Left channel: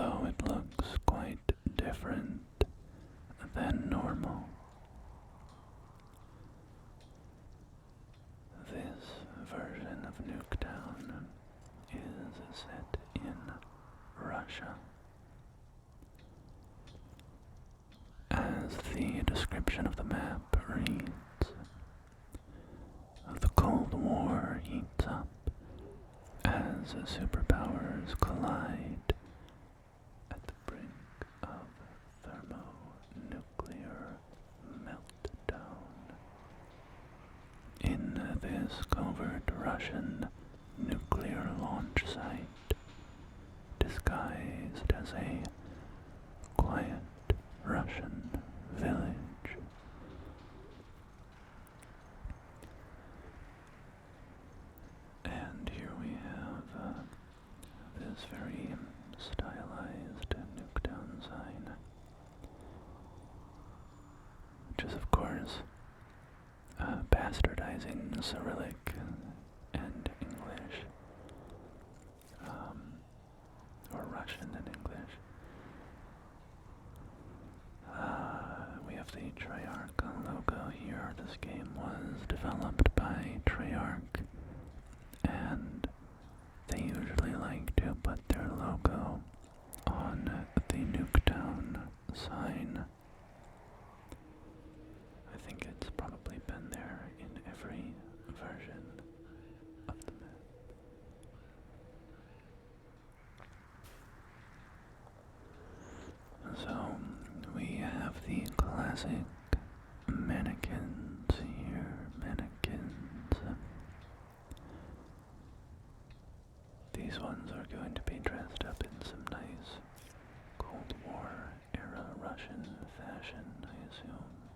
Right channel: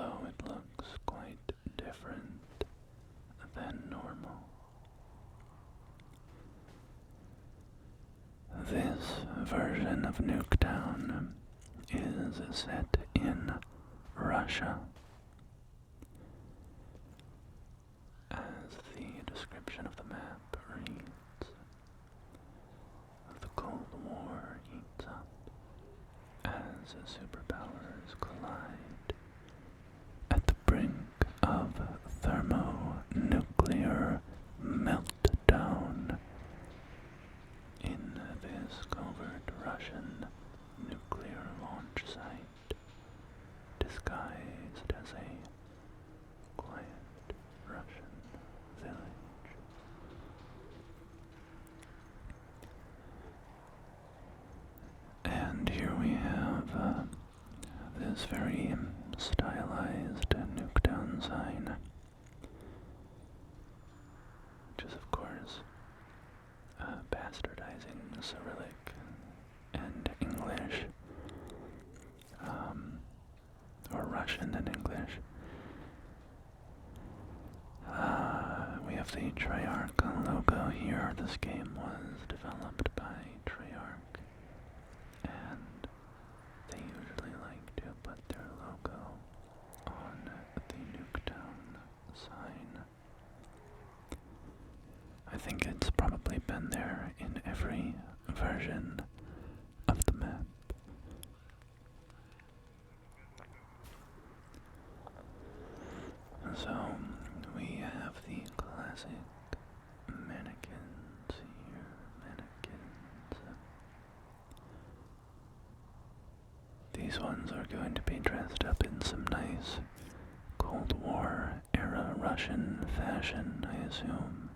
although it looks quite different than normal. This version of Nuketown is set in Russia. As the description of the map reads, the Cold War heats up as superpowers collide at the brink of thermonuclear meltdown. In this covert Russian nuclear launch site, disguised as a quiet Russian village. And here we have this very stylized Nuketown sign, which is of course bastardizing Cyrillic and English, or Russian and English. We have the Treyarch logo here. This game was developed by Treyarch, and they usually like to put their logo on the Nuketown sign. I think it's probably been there in every version of the map. So, we have the classic mannequins here, mannequins. These ones are going to be dressed up in some nice Cold War era Russian fashion, I assume.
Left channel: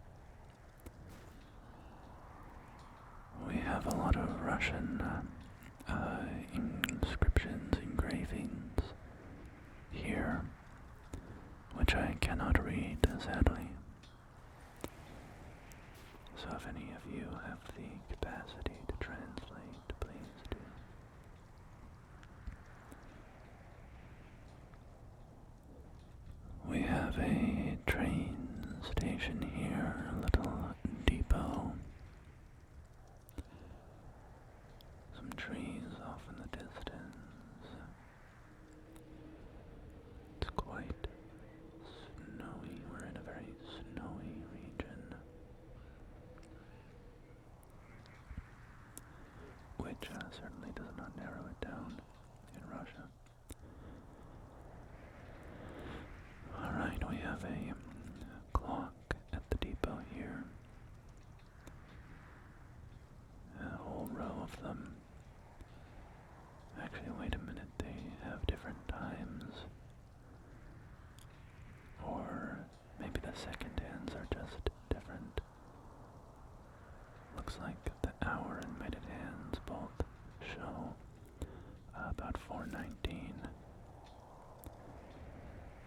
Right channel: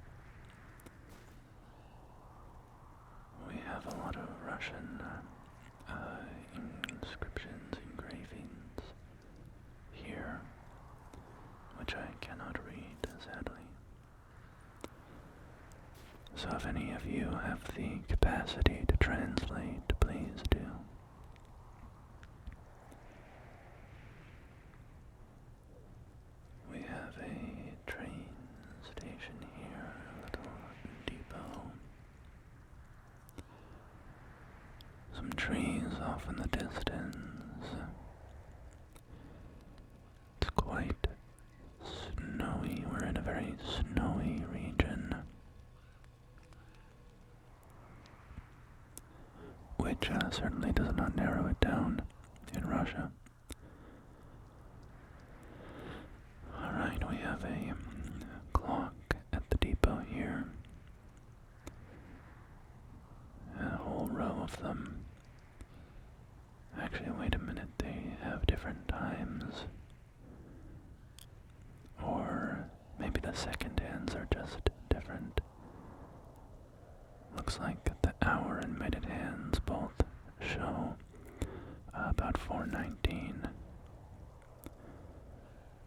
We have a lot of Russian inscriptions, engravings here, which I cannot read, sadly. So if any of you have the capacity to translate, please do. We have a train station here, a little depot. Some trees off in the distance. It's quite snowy. We're in a very snowy region, which certainly does not narrow it down in Russia. Alright, we have a clock at the depot here. A whole row of them. Actually, wait a minute, they have different times. Or maybe the second hands are just different. Looks like the hour and minute hands both show about 4:19.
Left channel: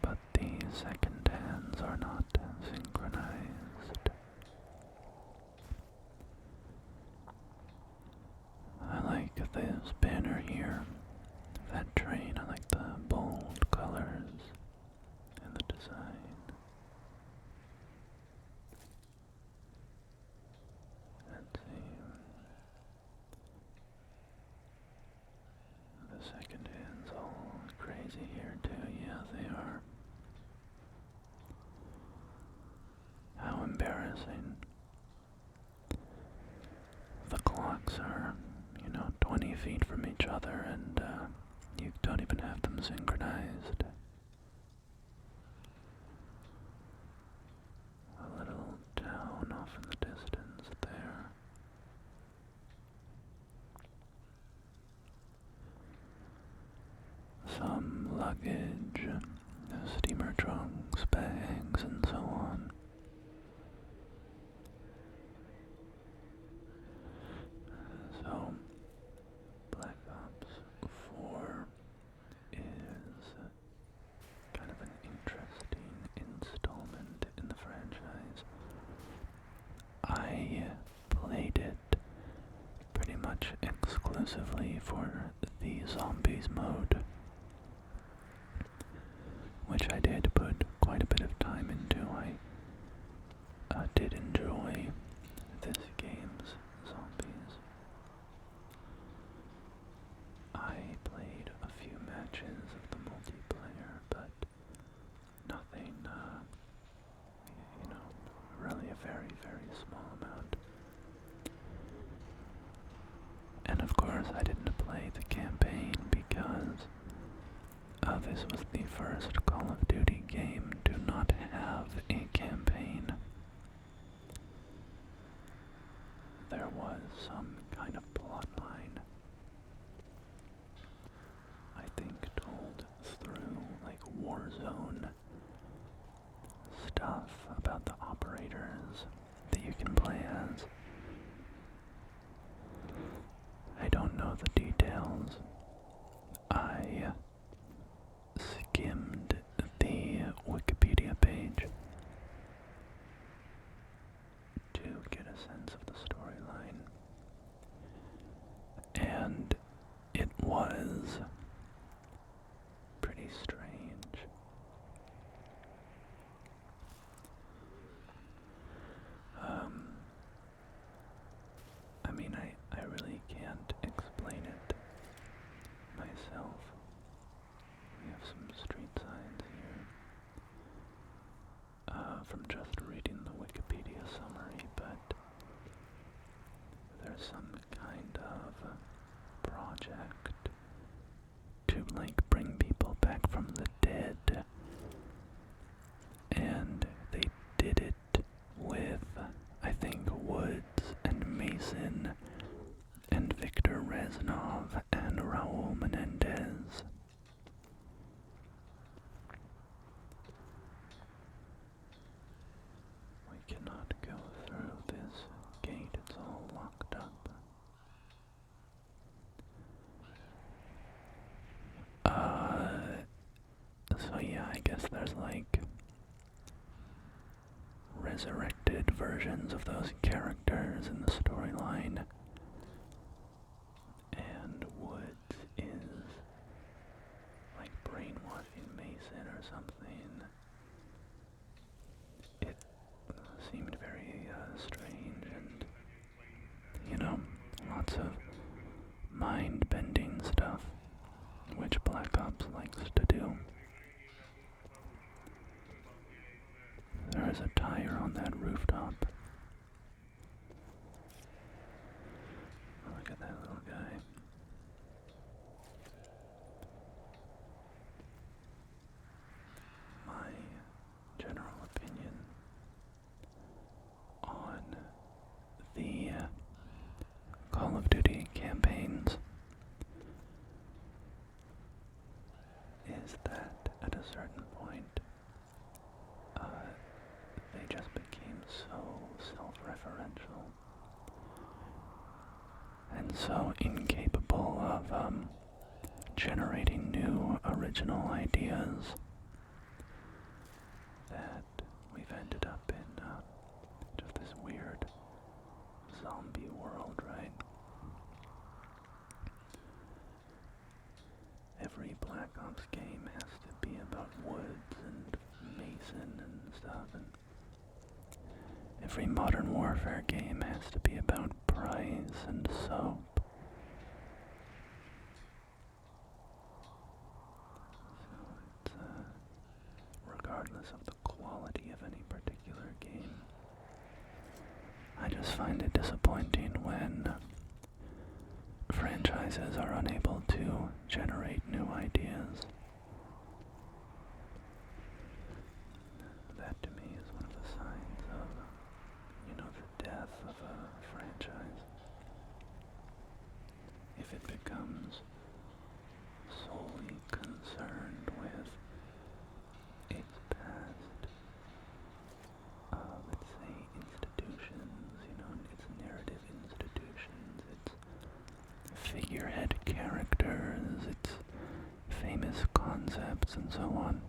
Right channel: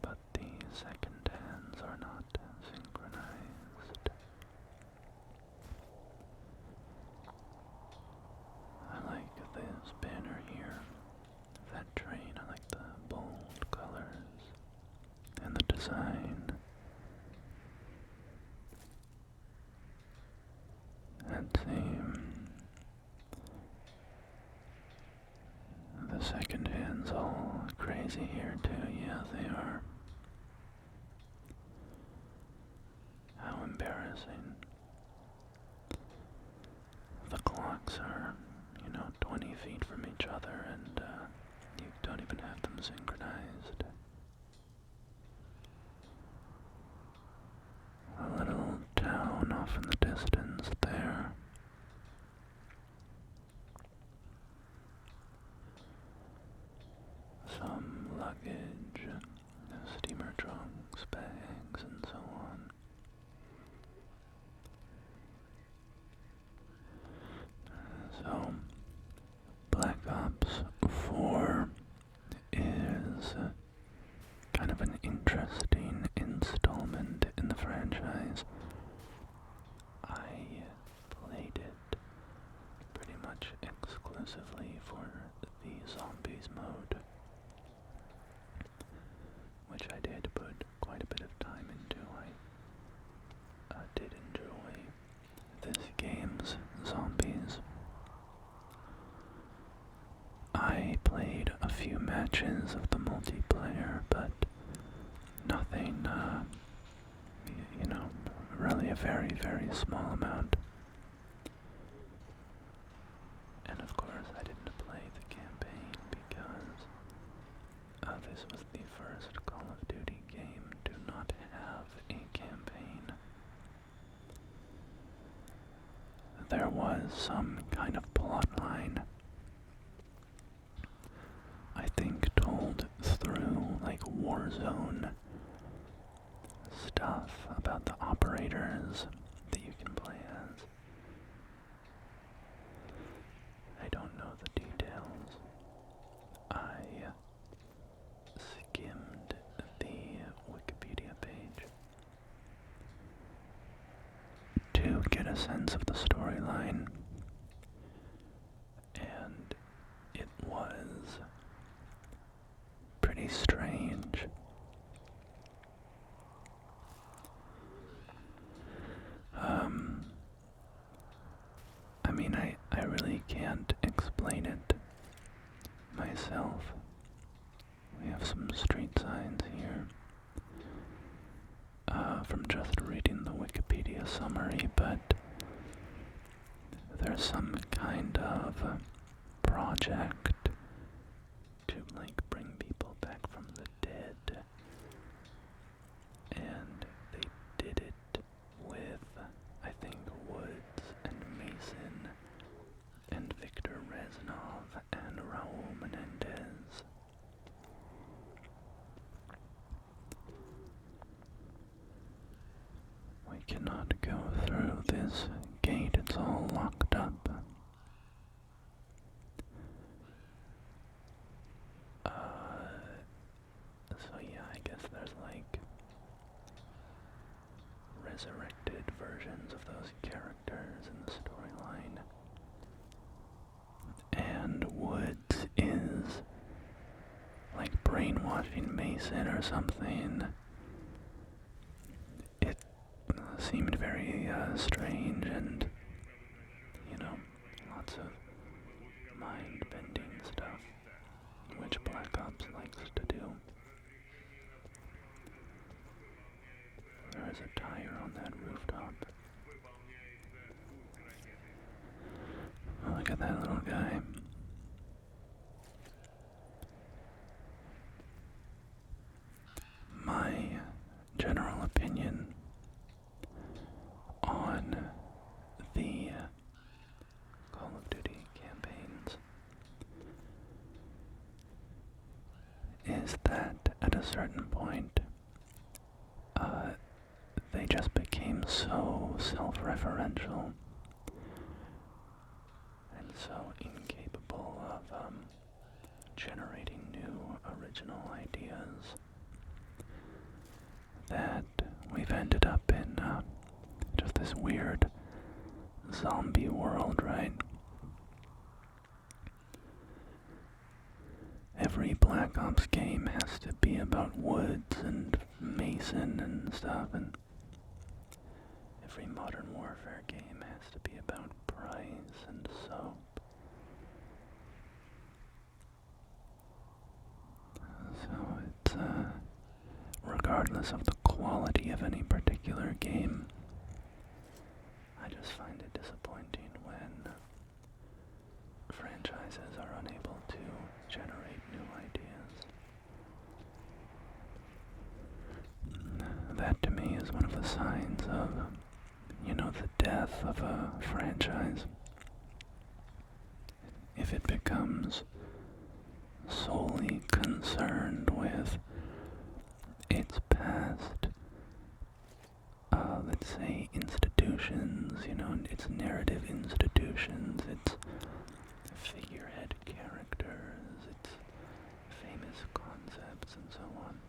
But the second hands are not synchronized. I like this banner here. That train, I like the bold colors and the design. Let's see. The second hand's all crazy here too. Yeah, they are. How embarrassing. The clocks are, 20 feet from each other, and you don't even have them synchronized. A little town off in the distance there. Some luggage, steamer trunks, bags, and so on. So, Black Ops 4 is kind of an interesting installment in the franchise. I played it pretty much exclusively for the zombies mode. did enjoy this game's zombies. I played a few matches of the multiplayer, but nothing, really a very, very small amount. And of course, I didn't play the campaign because this was the first Call of Duty game to not have a campaign. There was some kind of plot line, I think, told through like Warzone stuff about the operators that you can play as. I don't know the details. I skimmed the Wikipedia page to get a sense of the storyline, and it was pretty strange. I mean, I really can't explain it myself. We have some street signs here from just reading the Wikipedia summary, but there's some kind of project to like bring people back from the dead, and they did it with, I think, Woods and Mason and Victor Reznov and Raul Menendez. We cannot go through this gate, it's all locked up. So yeah, I guess there's like resurrected versions of those characters in the storyline. And Woods is like brainwashing Mason or something. It seemed very strange and, lots of mind-bending stuff, which Black Ops likes to do. There is a tire on that rooftop. Look at that little guy. My general opinion on the Call of Duty campaigns is that at a certain point, they just became so self-referential and so incapable of generating new original ideas that we've ended up in just this weird zombie world, right? Every Black Ops game has to be about Woods and Mason and stuff, and every Modern Warfare game has to be about Price and Soap. So it's, regardless of the quality of any particular game, I just find it disappointing when franchises are unable to generate new ideas. That to me is one of the signs of, the death of a franchise. If it becomes solely concerned with its past, let's say institutions, its narrative institutions, its figurehead characters, its famous concepts, and so on.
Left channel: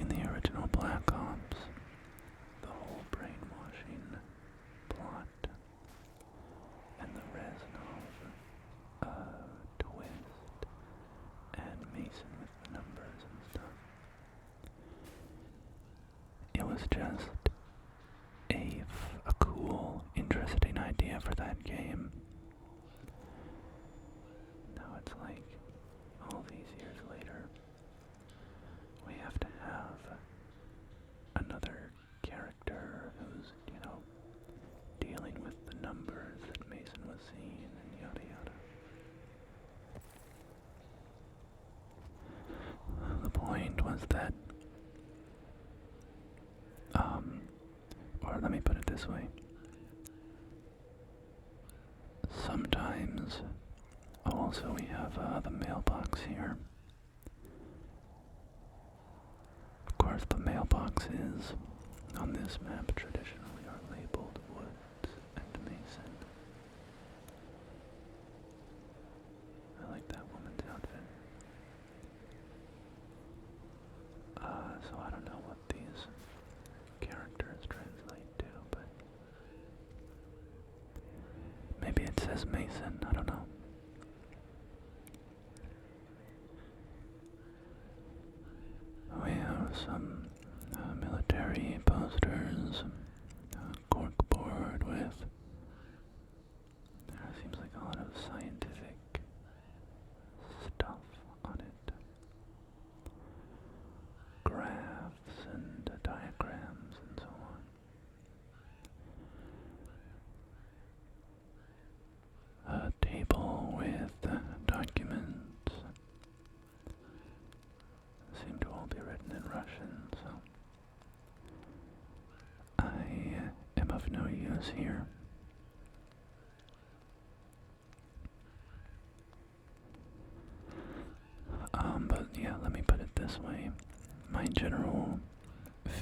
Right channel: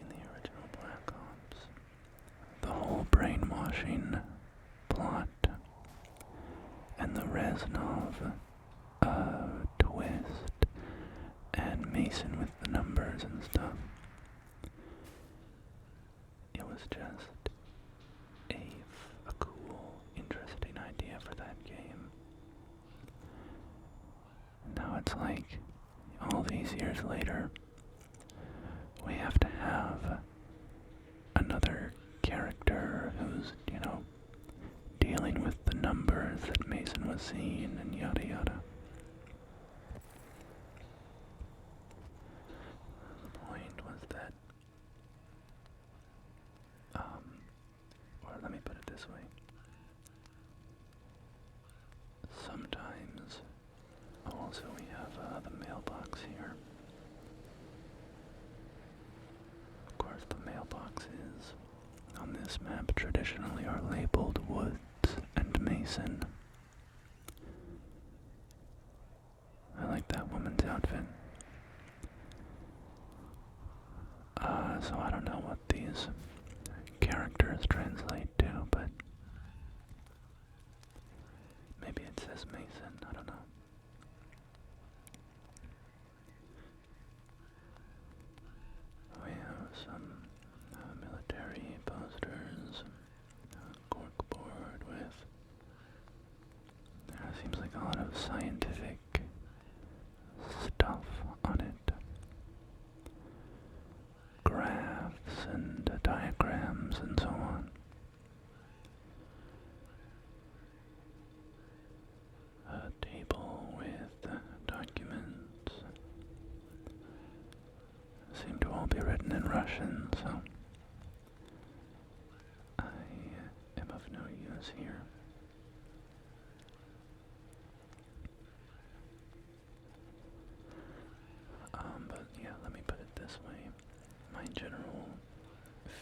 In the original Black Ops, the whole brainwashing plot and the Reznov twist and Mason with the numbers and stuff, just a cool, interesting idea for that game. Now it's like, all these years later, we have to have another character who's, dealing with the numbers that Mason was seeing and yada yada. The point was that, or let me put it this way. Sometimes, also we have the mailbox here. Of course, the mailboxes on this map traditionally are labeled Woods and Mason. I like that woman's outfit. So I don't know what these characters translate to, but maybe it says Mason, I don't know. We have some military posters, corkboard with, seems like a lot of scientific stuff on it. Graphs and diagrams and so on. A table with documents. Seem to all be written in Russian, so I am of no use here. But yeah, let me put it this way. My general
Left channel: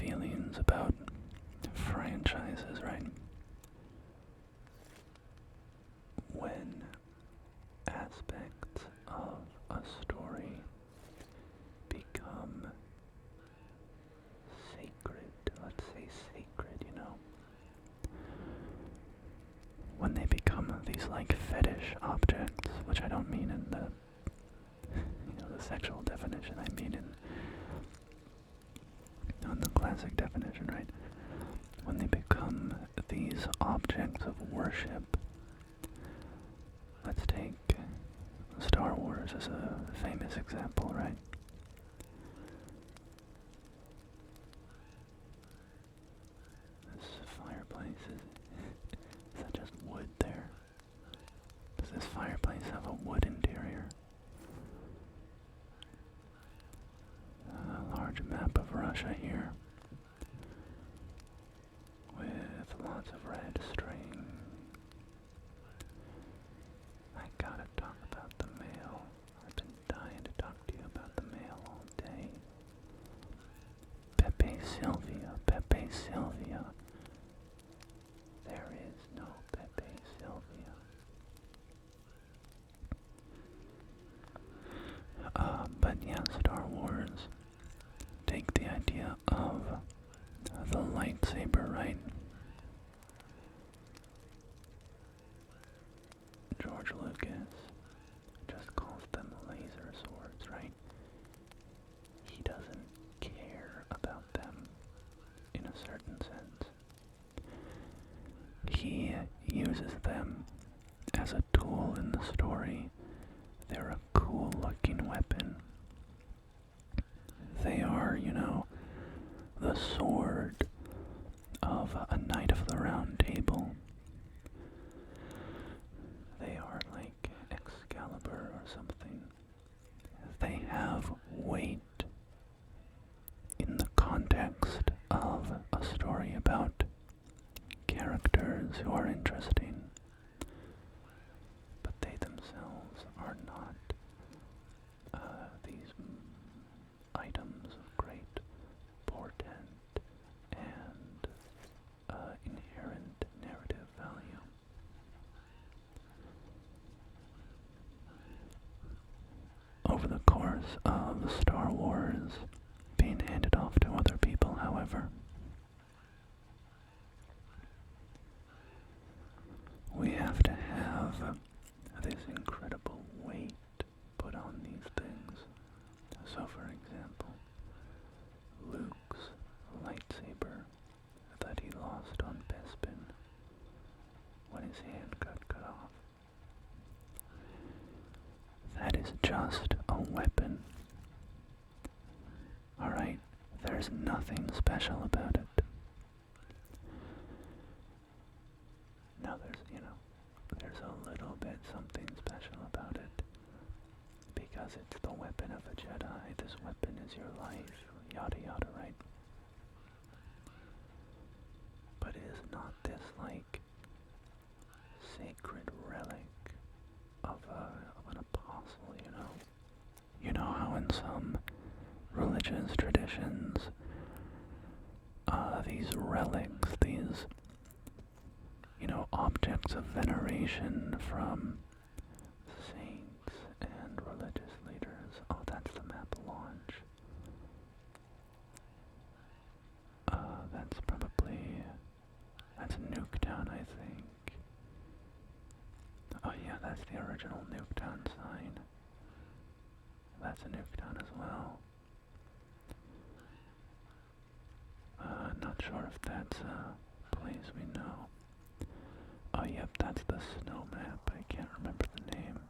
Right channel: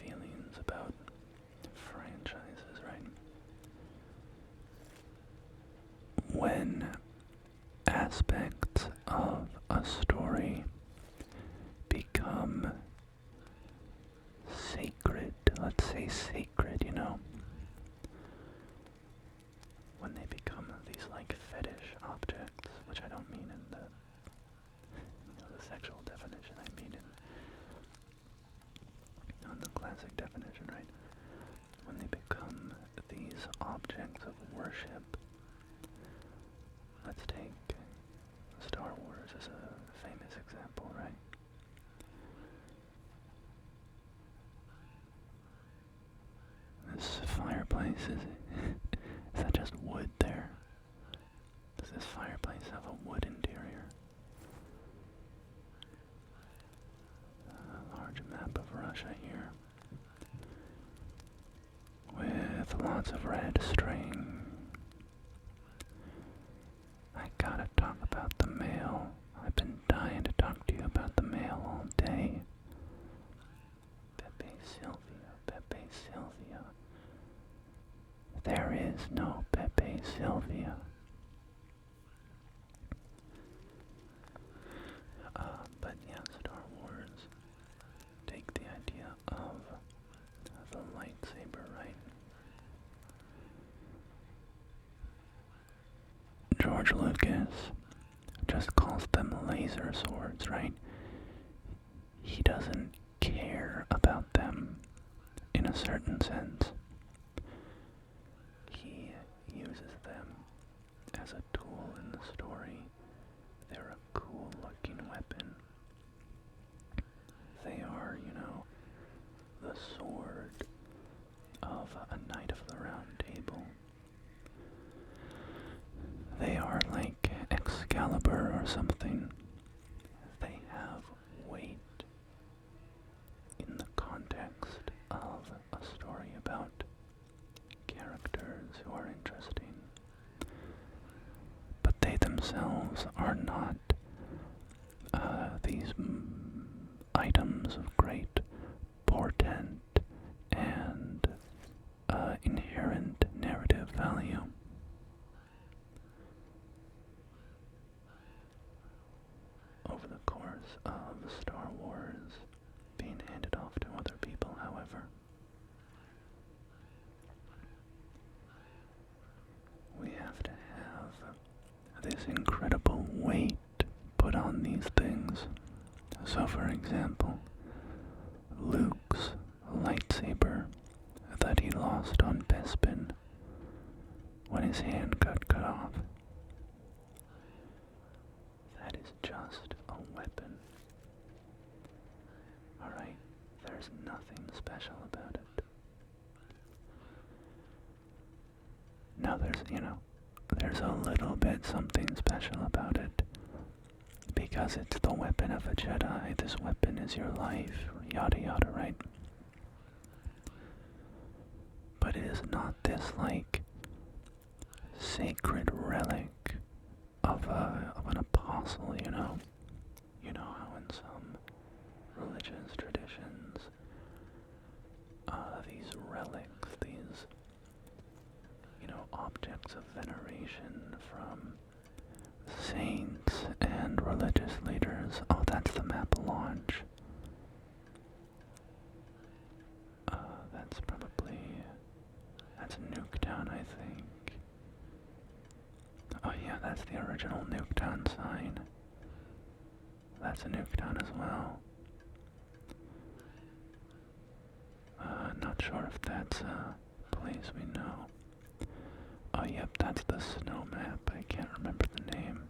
feelings about franchises, right? When aspects of a story become sacred, let's say sacred, when they become these like fetish objects, which I don't mean in the sexual definition, I mean in the classic definition, right? When they become these objects of worship. Let's take Star Wars as a famous example, right? This fireplace, is that just wood there? Does this fireplace have a wood interior? A large map of Russia here, with lots of red string. I gotta talk about the mail. I've been dying to talk to you about the mail all day. Pepe Sylvia, Pepe Sylvia. There is no Pepe Sylvia. But yeah, Star Wars. Take the idea of the lightsaber, right? George Lucas just calls them laser swords, right? He doesn't care about them in a certain sense. He uses them as a tool in the story. They're a cool looking weapon. They are, the sword of a knight of the round table. They are like Excalibur or something. They have weight in the context of a story about characters who are interesting. But they themselves are not these items of great portent and inherent narrative value. Over the course of Star Wars being handed off to other people, however, we have to have this incredible weight put on these things. So for example, Luke's lightsaber lost on Bespin when his hand got cut off. That is just a weapon. Alright, there's nothing special about it. Now there's a little bit something special about it. Because it's the weapon of a Jedi, this weapon is your life, yada yada, right? But it is not this, like, sacred relic of an apostle, you know? You know how in some religious traditions, these relics, these, objects of veneration from saints and religious leaders. Oh, that's the map launch. That's Nuketown, I think. Oh yeah, that's the original Nuketown sign. That's a Nuketown as well. Not sure if that's a place we know. Oh yep, that's the snow map. I can't remember the name.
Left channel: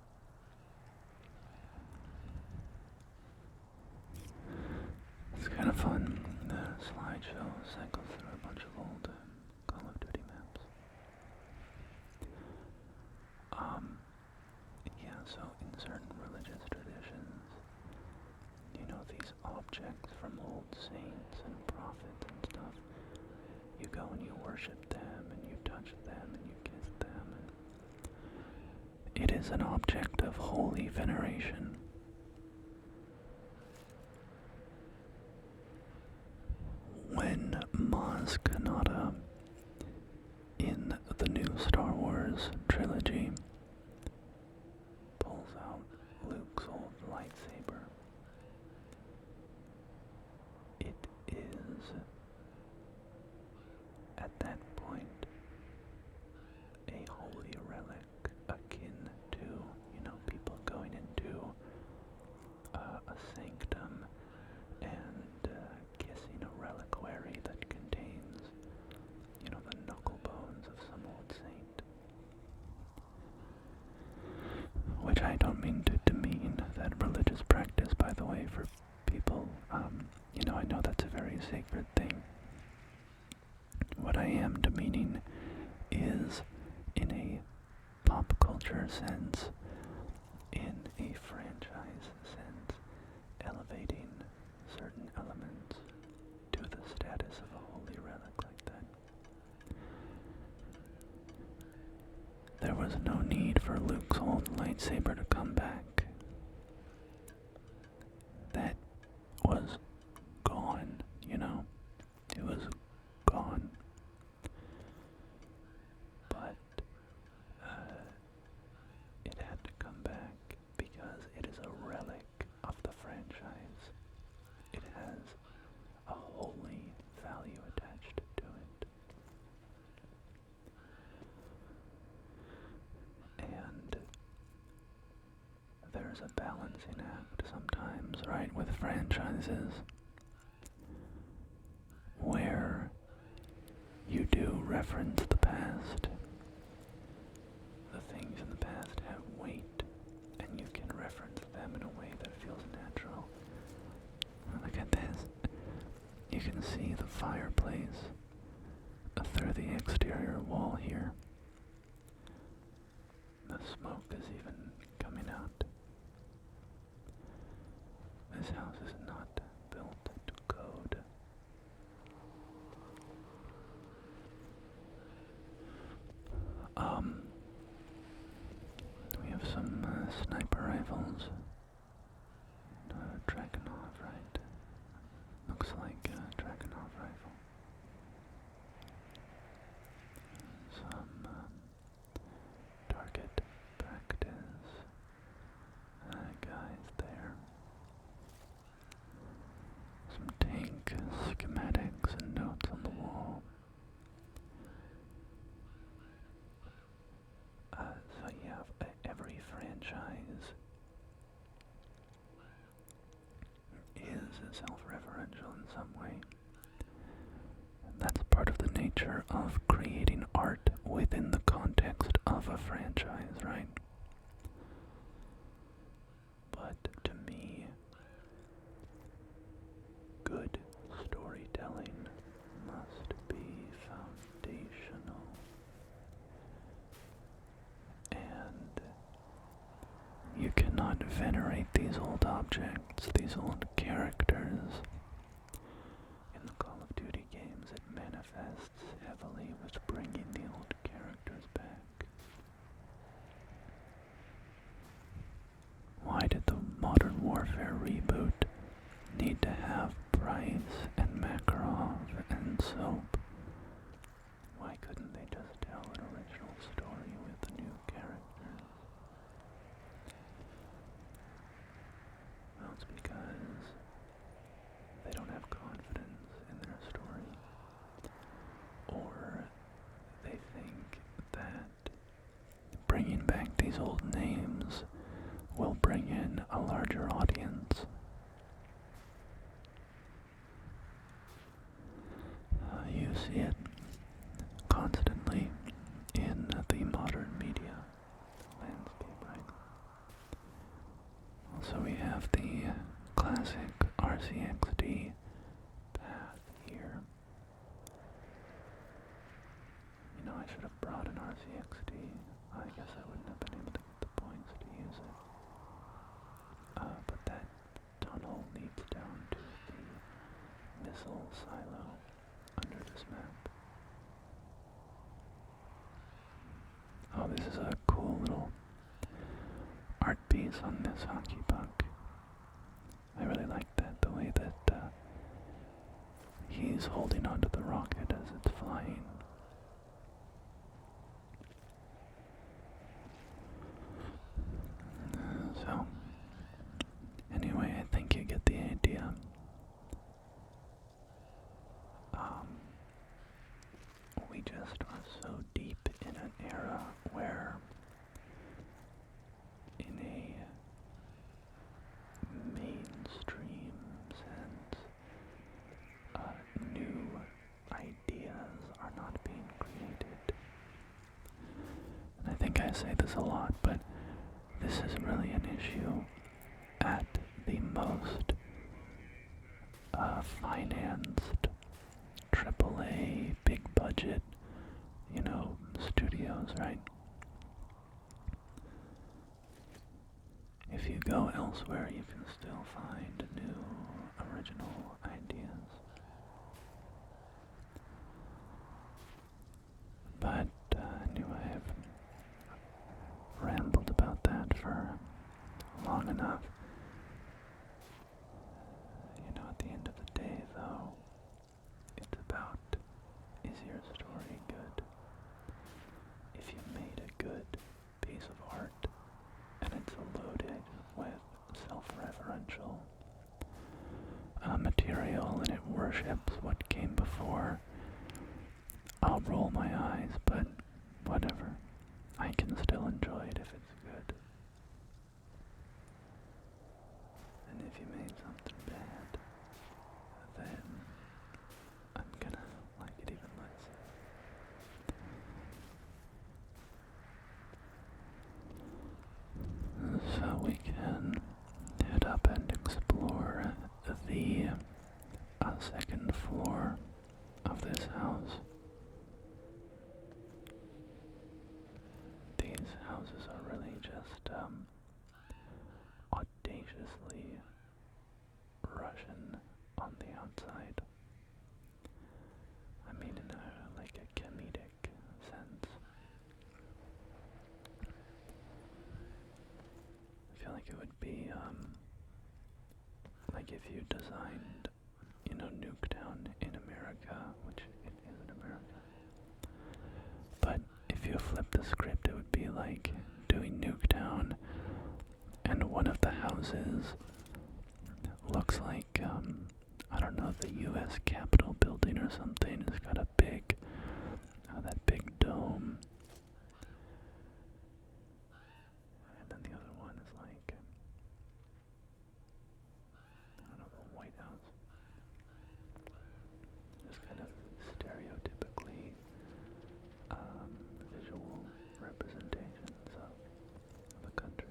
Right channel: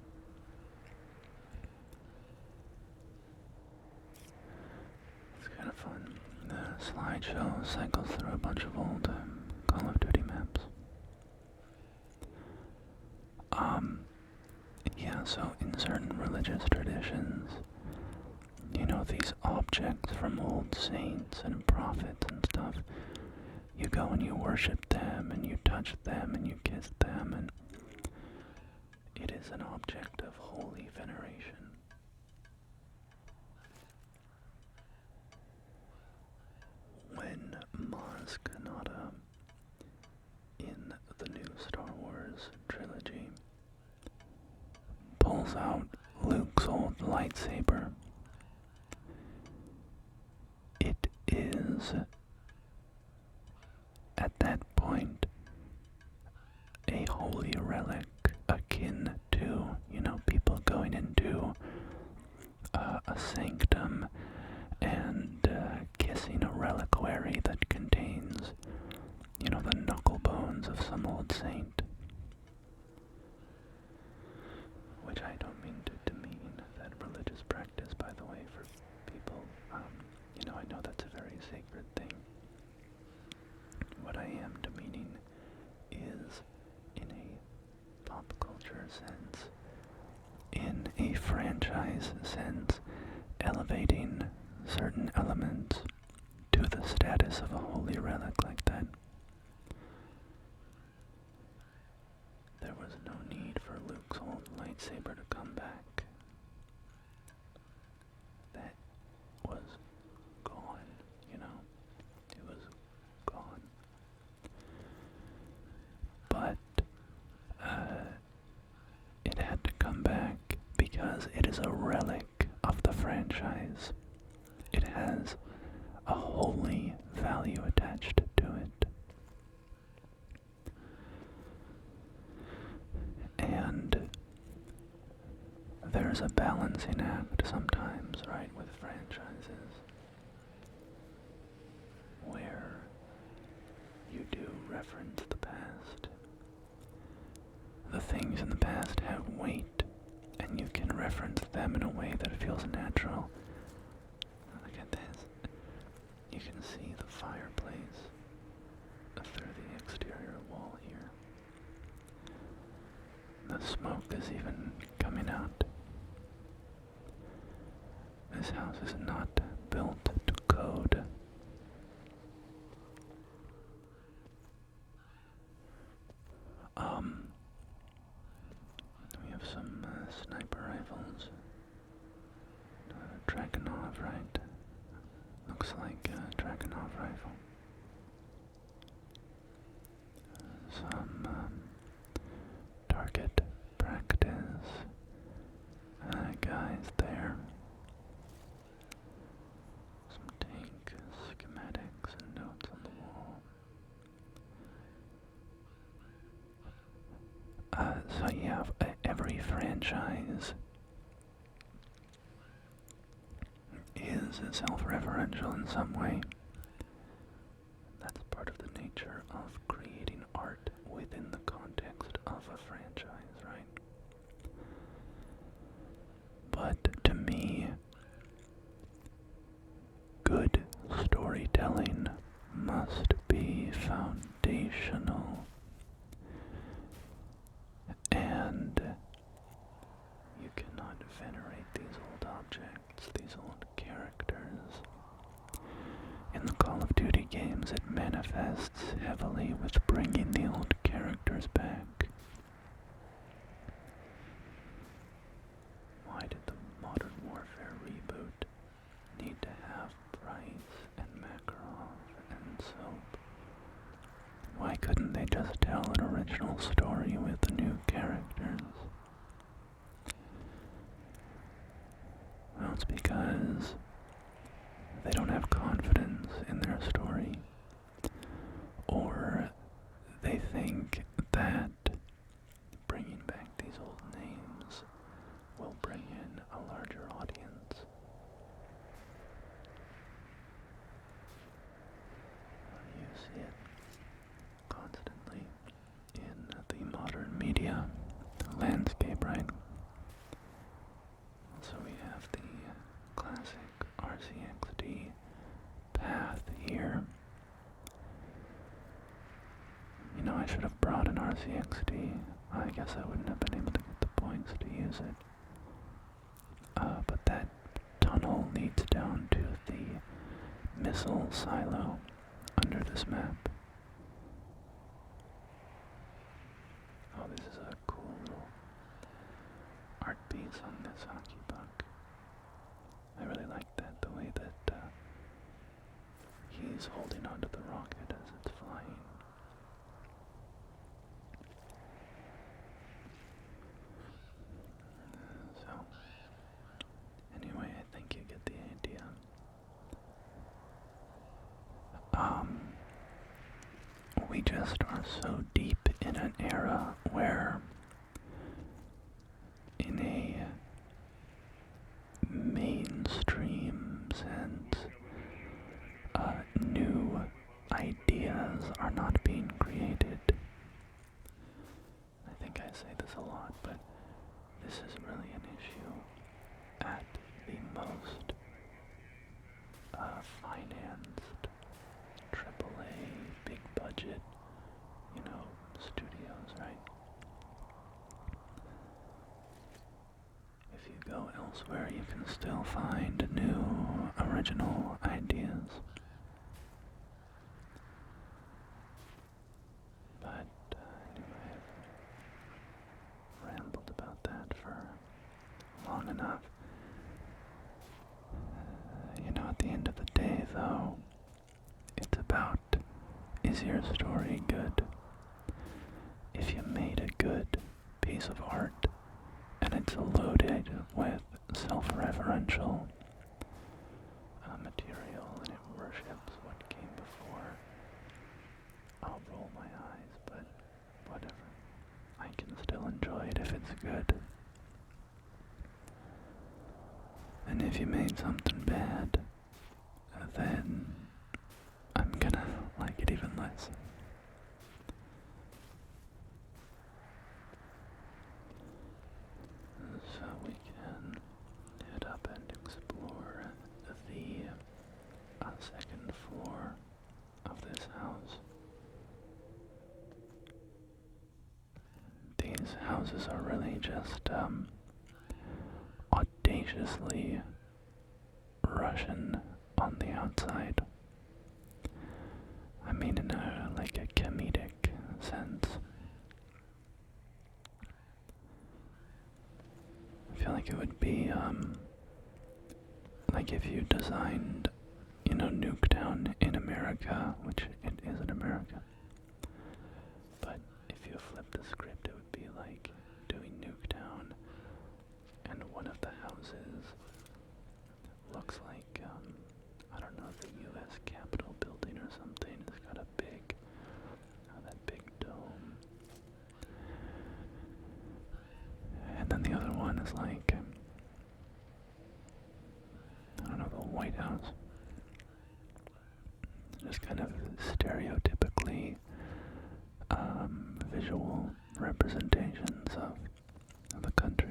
It's kind of fun. The slideshow cycles through a bunch of old Call of Duty maps. Yeah, so in certain religious traditions, these objects from old saints and prophets and stuff, you go and you worship them and you touch them and you kiss them, and it is an object of holy veneration. When Maz Kanata, in the new Star Wars trilogy, pulls out Luke's old lightsaber, it is, at that point, a holy relic akin to, people going into a sanctum and kissing a reliquary that contains, the knuckle bones of some old saint. Which I don't mean to demean that religious practice, by the way, for people. I know that's a very sacred thing. What I am demeaning is, in a pop culture sense, in a franchise sense, elevating certain elements to the status of a holy relic like that. There was no need for Luke's old lightsaber to come back. That was gone, It was gone. But it had to come back because it is a relic of the franchise. It has a holy value attached to it. And there's a balancing act sometimes, right, with franchises, where you do reference the past. The things in the past have weight, and you can reference them in a way that feels natural. Look at this. You can see the fireplace through the exterior wall here. The smoke is even coming out. This house is not built to code. We have some sniper rifles. Dragunov, right? Looks like a Dragunov rifle. Some target practice guys there. Some tank schematics and notes on the wall. So yeah, every franchise is self-referential in some way. That's part of the nature nature of creating art within the context of a franchise, right? But to me, good storytelling must be foundational, and you cannot venerate these old objects, these old characters. In the Call of Duty games, it manifests heavily with bringing the old characters back. Why did the Modern Warfare reboot need to have Price and Makarov and Soap? Why couldn't they just tell an original story with new characters? Well, it's because they don't have confidence in their story, or they think that bringing back these old names will bring in a larger audience. You see it constantly in the modern media landscape, right? So we have the classic RCXD path here. You know, I should have brought an RCXD. I guess I wouldn't have been able to get the points to use it. But that tunnel leads down to the missile silo under this map. Oh, this is a cool little art piece on this hockey puck. I really like that, the way that he's holding onto the rocket as it's flying. So, anyway, I think you get the idea. We just are so deep in an era where, in a mainstream sense, new ideas are not being created. And I think I say this a lot, but this is really an issue at the most financed AAA, big budget, studios, right? If you go elsewhere, you can still find new, original ideas. But anyway, I've rambled about that for long enough. At the end of the day, though, it's about, is your story good? If you made a good piece of art, and it's loaded with self-referential material, and it worships what came before, I'll roll my eyes, but whatever. I can still enjoy it if it's good. And if you made something bad, then I'm gonna like it even less. So we can head up and explore the second floor of this house. These houses are really just audaciously Russian on the outside. I mean in a comedic sense. I feel like it would be like if you designed, Nuketown in America, which it is in America. But if you flip the script, it would be like doing Nuketown, and one of the houses looks like, I don't know, the U.S. Capitol building or something. It's got a big, that big dome. And then the other one is like, I don't know, the White House. Just kind of stereotypical. basically visual representations of the country.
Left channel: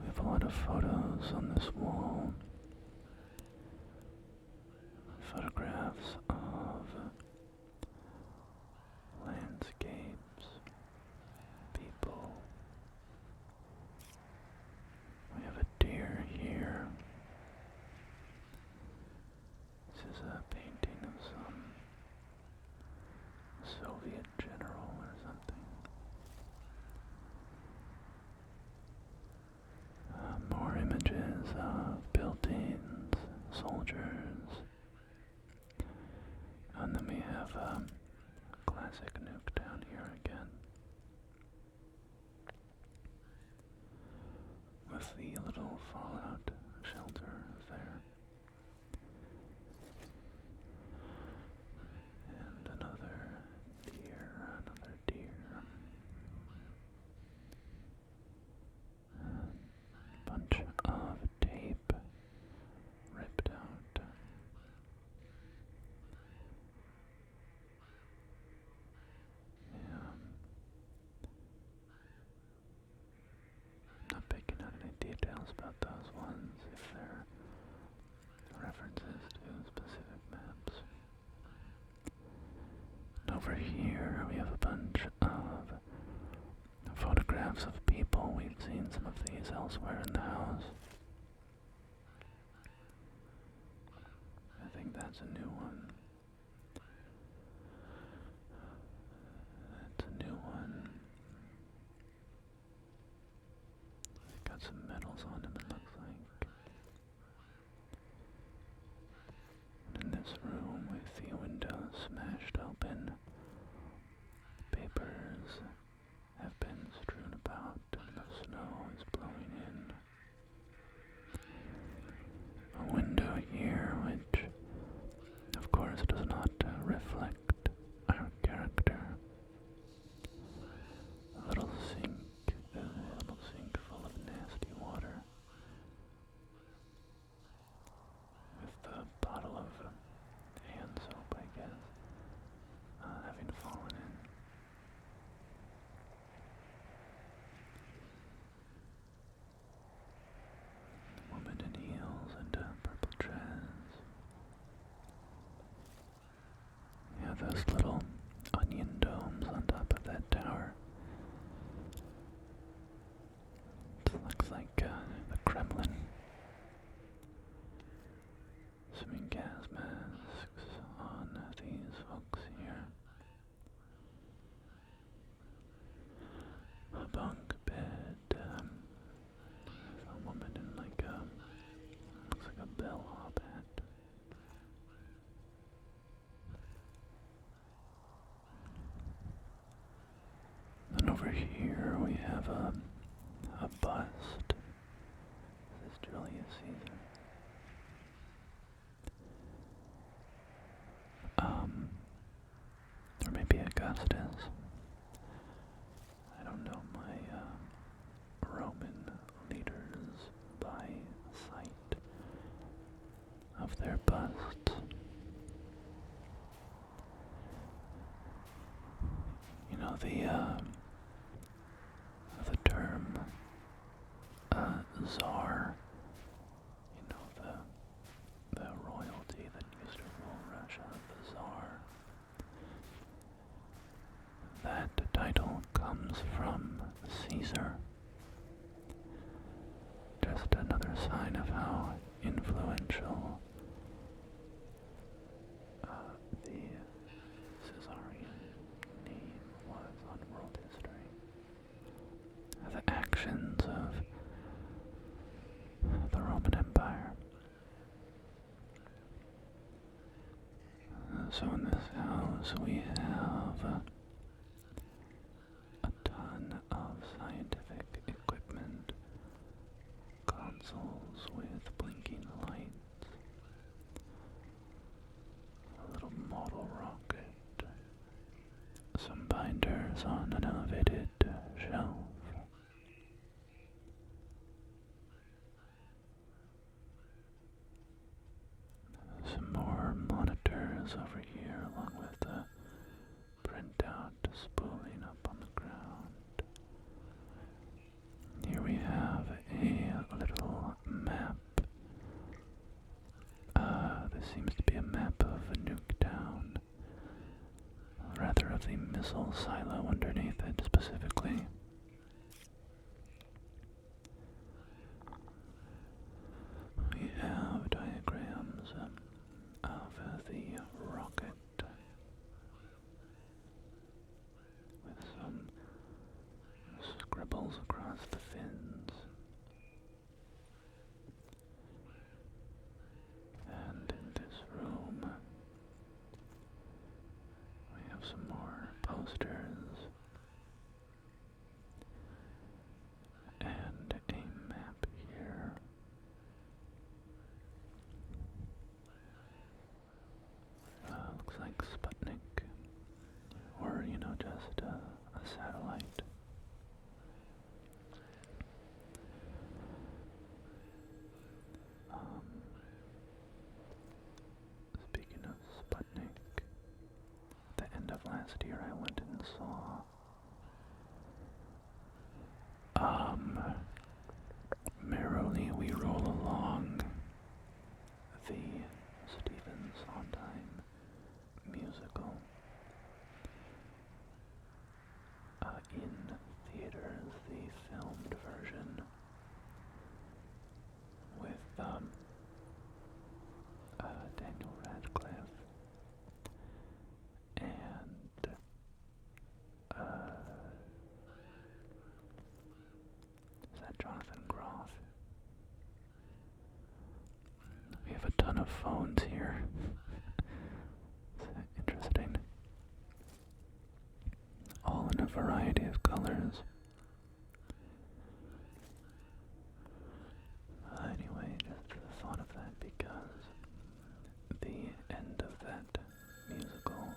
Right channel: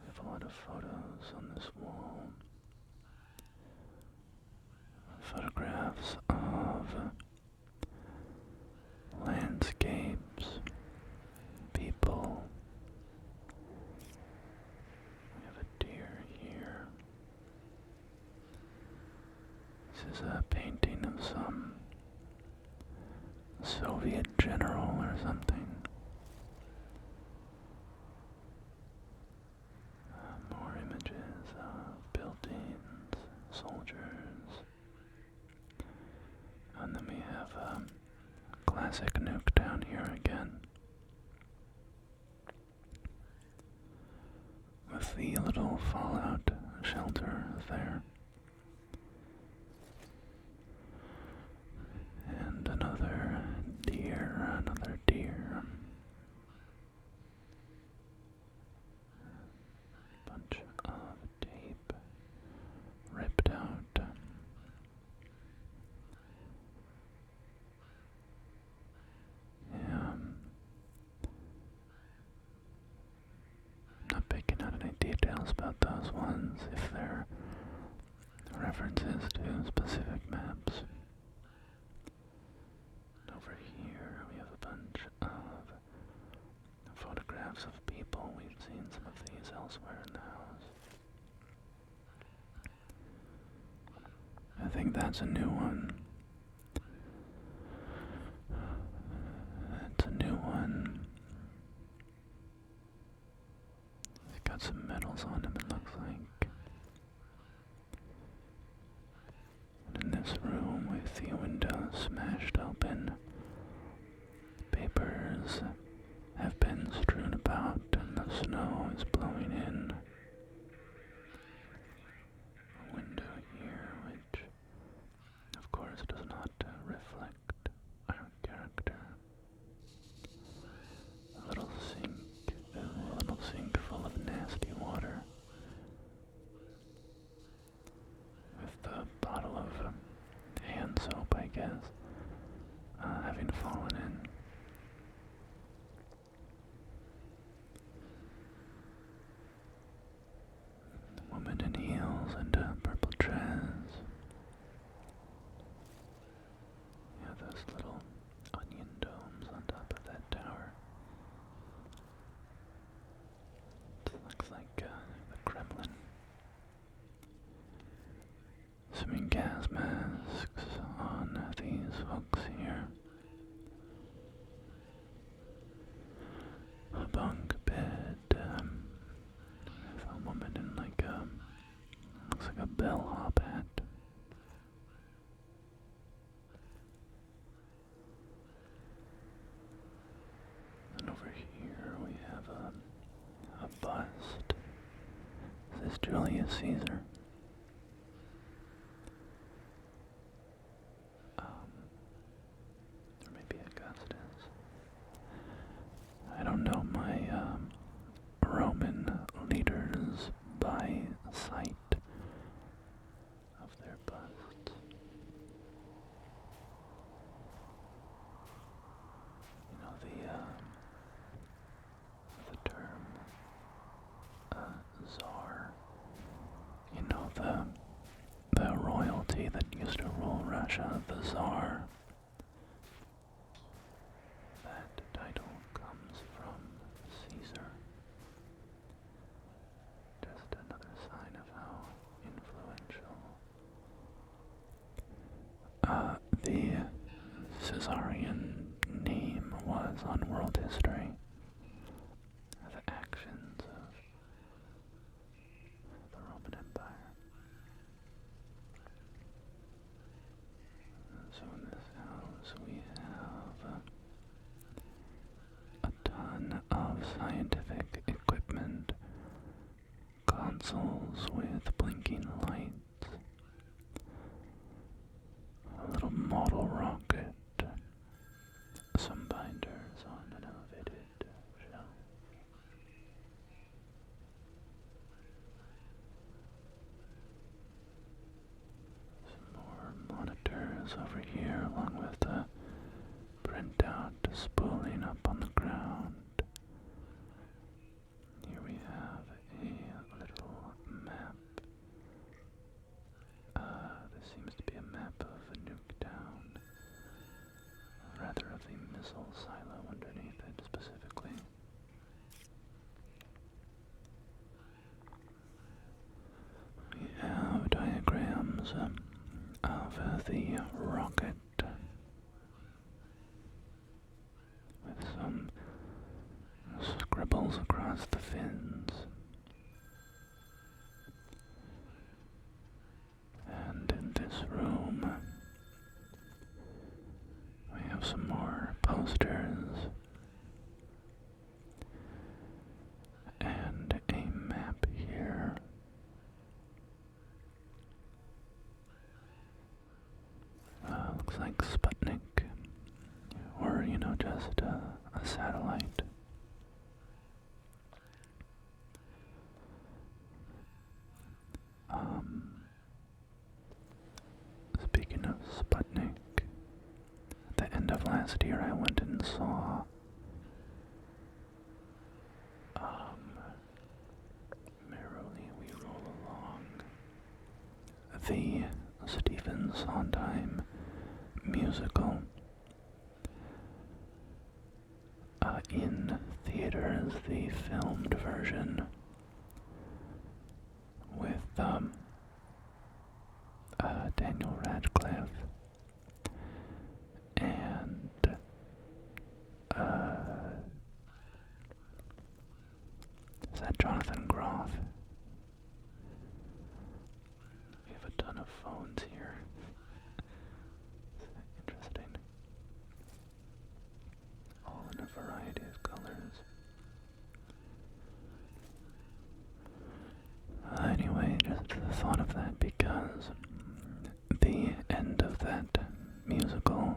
We have a lot of photos on this wall. Photographs of landscapes, people. We have a deer here. This is a painting of some Soviet general or something. More images of buildings, soldiers. And then we have classic Nuketown here again. With the little fallout shelter there. And another deer, bunch of tape ripped out. Not picking out any details about those ones, if they're references to specific maps. And over here we have a bunch of photographs of people. We've seen some of these elsewhere in the house. I think that's a new one. That's a new one. It's got some medals on him, it looks like. And in this room, with the windows smashed open, papers have been strewn about and the snow is blowing in. A window here which, of course, does not reflect our character. A little sink full of nasty water. With the bottle of hand soap, I guess, having fallen in. Woman in heels and purple dress. Yeah, those little onion domes on top of that tower. It looks like the Kremlin. Swimming gas masks on these hooks here. A bunk bed with a woman in like looks like a bellhop hat. And over here we have a bust. This is Julius Caesar. Or maybe Augustus. I don't know my Roman leaders by sight of their busts. You know, the term Tsar, you know, the royalty that used to rule Russia, the Tsar. That title comes from Caesar. Just another sign of how influential the Caesarian name was on world history. The actions of the Roman Empire. So in this house we have a ton of scientific equipment, consoles with blinking lights, a little model rocket, some binders on an elevated shelf. Some more monitors. boxes over here, along with the printout spooling up on the ground. Here we have a little map. This seems to be a map of Nuketown. Rather of the missile silo underneath it specifically. We have diagrams of the rocket with some scribbles across the fins. And in this room, we have some more posters and a map here. Looks like Sputnik, or, just a satellite. Speaking of Sputnik, at the end of last year I went and saw Merrily We Roll Along, the Stephen Sondheim musical, in theaters, the filmed version with Daniel Radcliffe and is that Jonathan Groff? We have a ton of phones here. Interesting. All in a variety of colors. Anyway, just the thought of that because the end of that musical,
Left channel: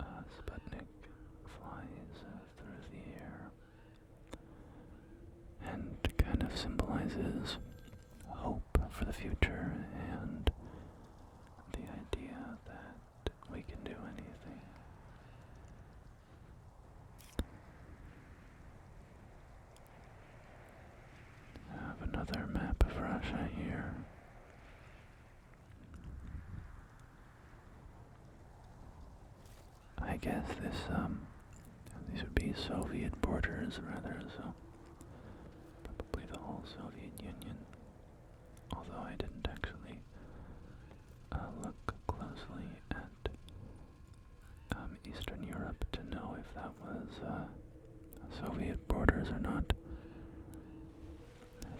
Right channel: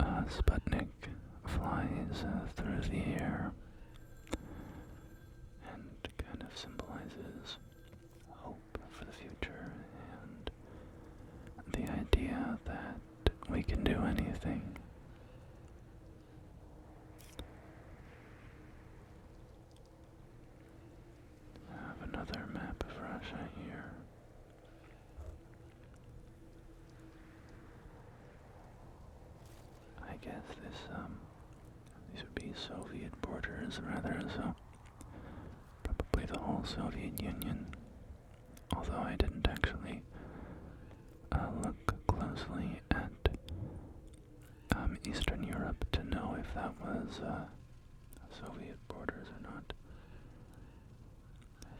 Sputnik flies through the air and kind of symbolizes hope for the future and the idea that we can do anything. I have another map of Russia here. I guess these would be Soviet borders rather, so probably the whole Soviet Union. Although I didn't actually look closely at Eastern Europe to know if that was Soviet borders or not.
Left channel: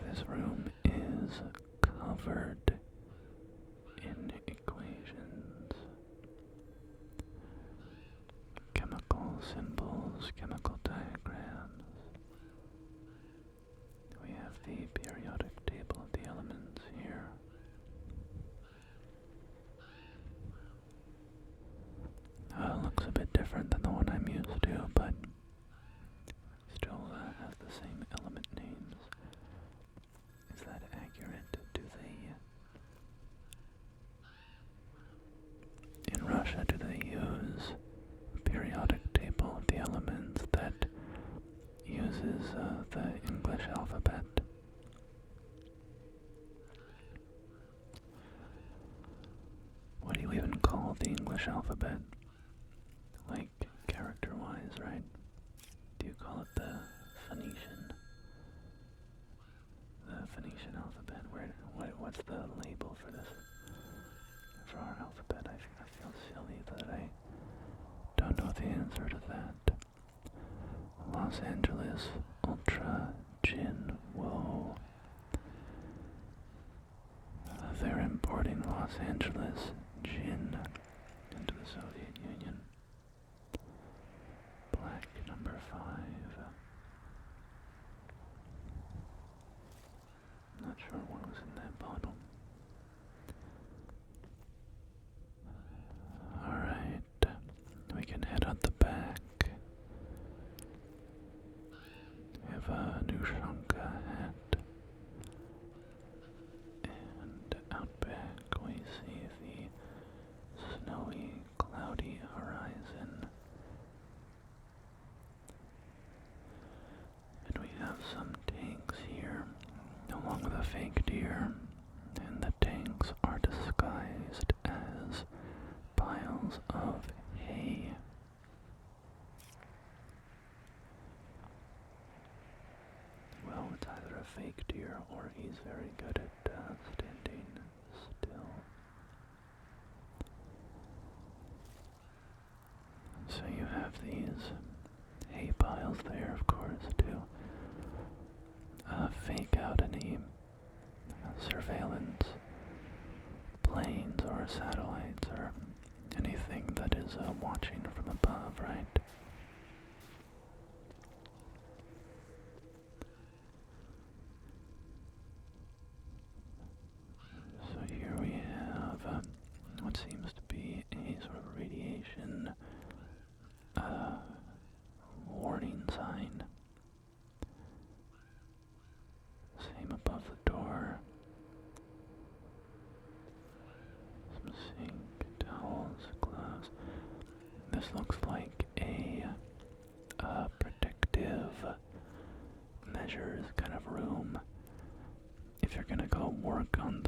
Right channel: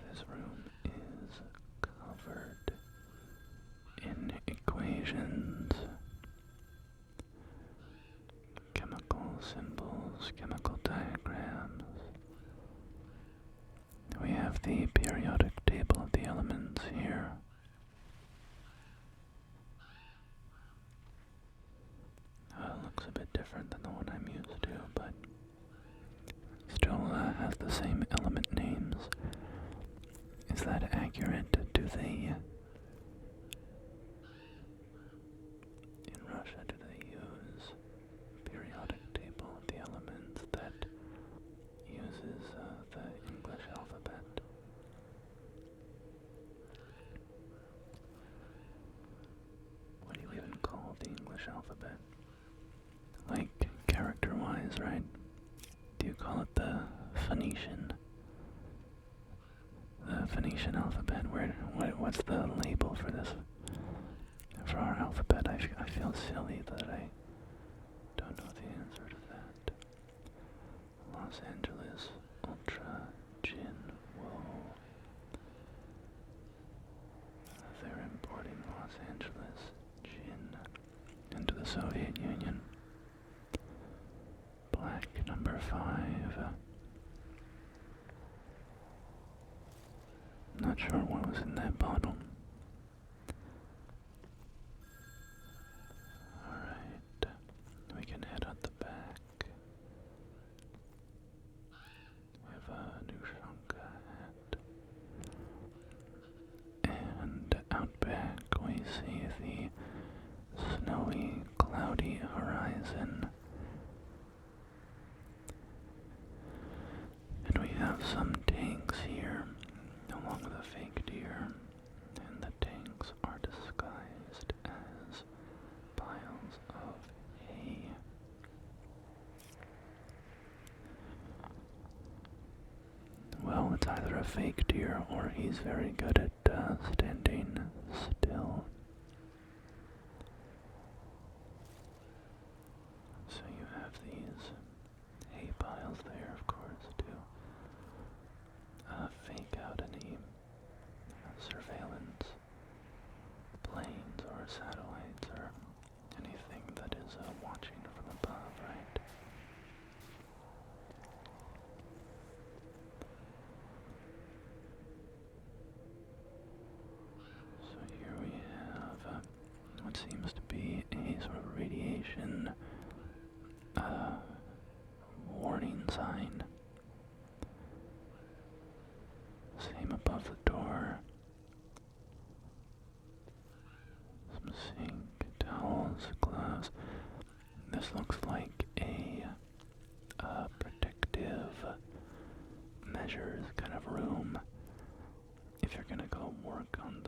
This room is covered in equations, chemical symbols, chemical diagrams. We have the periodic table of the elements here. Looks a bit different than the one I'm used to, but still has the same element names. Is that accurate? In Russia, do they use periodic table of the elements that uses the English alphabet? What do you even call the English alphabet? Like, character-wise, right? Do you call it the Phoenician? The Phoenician alphabet? What's the label for this? For our alphabet? I feel silly that I don't know the answer to that. Los Angeles, Ultra, Gin, whoa. They're importing Los Angeles gin into the Soviet Union. Black number 5. Not sure what was in that bottle. Alright, we can head out the back. We have a Nuketown hat. And out back we see the fake deer, and the tanks are disguised as piles of hay. Well, it's either a fake deer or he's very good at standing still. So you have these hay piles there, of course, to fake out any surveillance planes or satellites or anything that is watching from above, right? So here we have what seems to be a sort of radiation warning sign. Same above the door. Some sink, towels, gloves. This looks like a protective measures kind of room if you're gonna go work on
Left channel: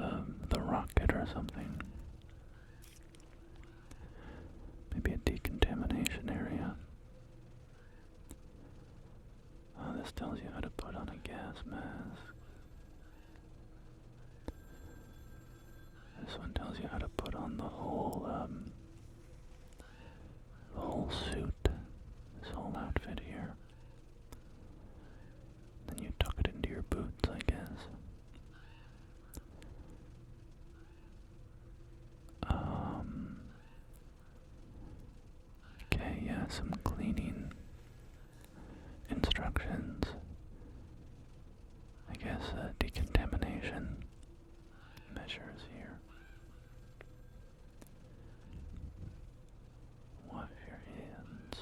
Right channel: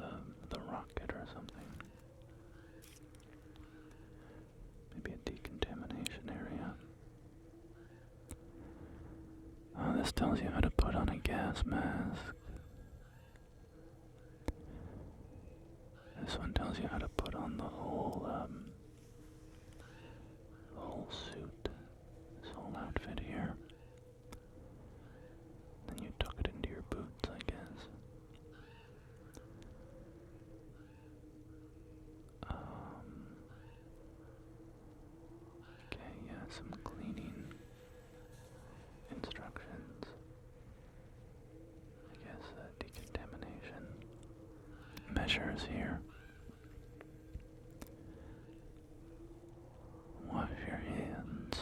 the rocket or something. Maybe a decontamination area. Oh, this tells you how to put on a gas mask. This one tells you how to put on the whole suit, this whole outfit here. Then you tuck it into your boots, I guess. Okay, yeah, some cleaning instructions. I guess decontamination measures here. Wash your hands.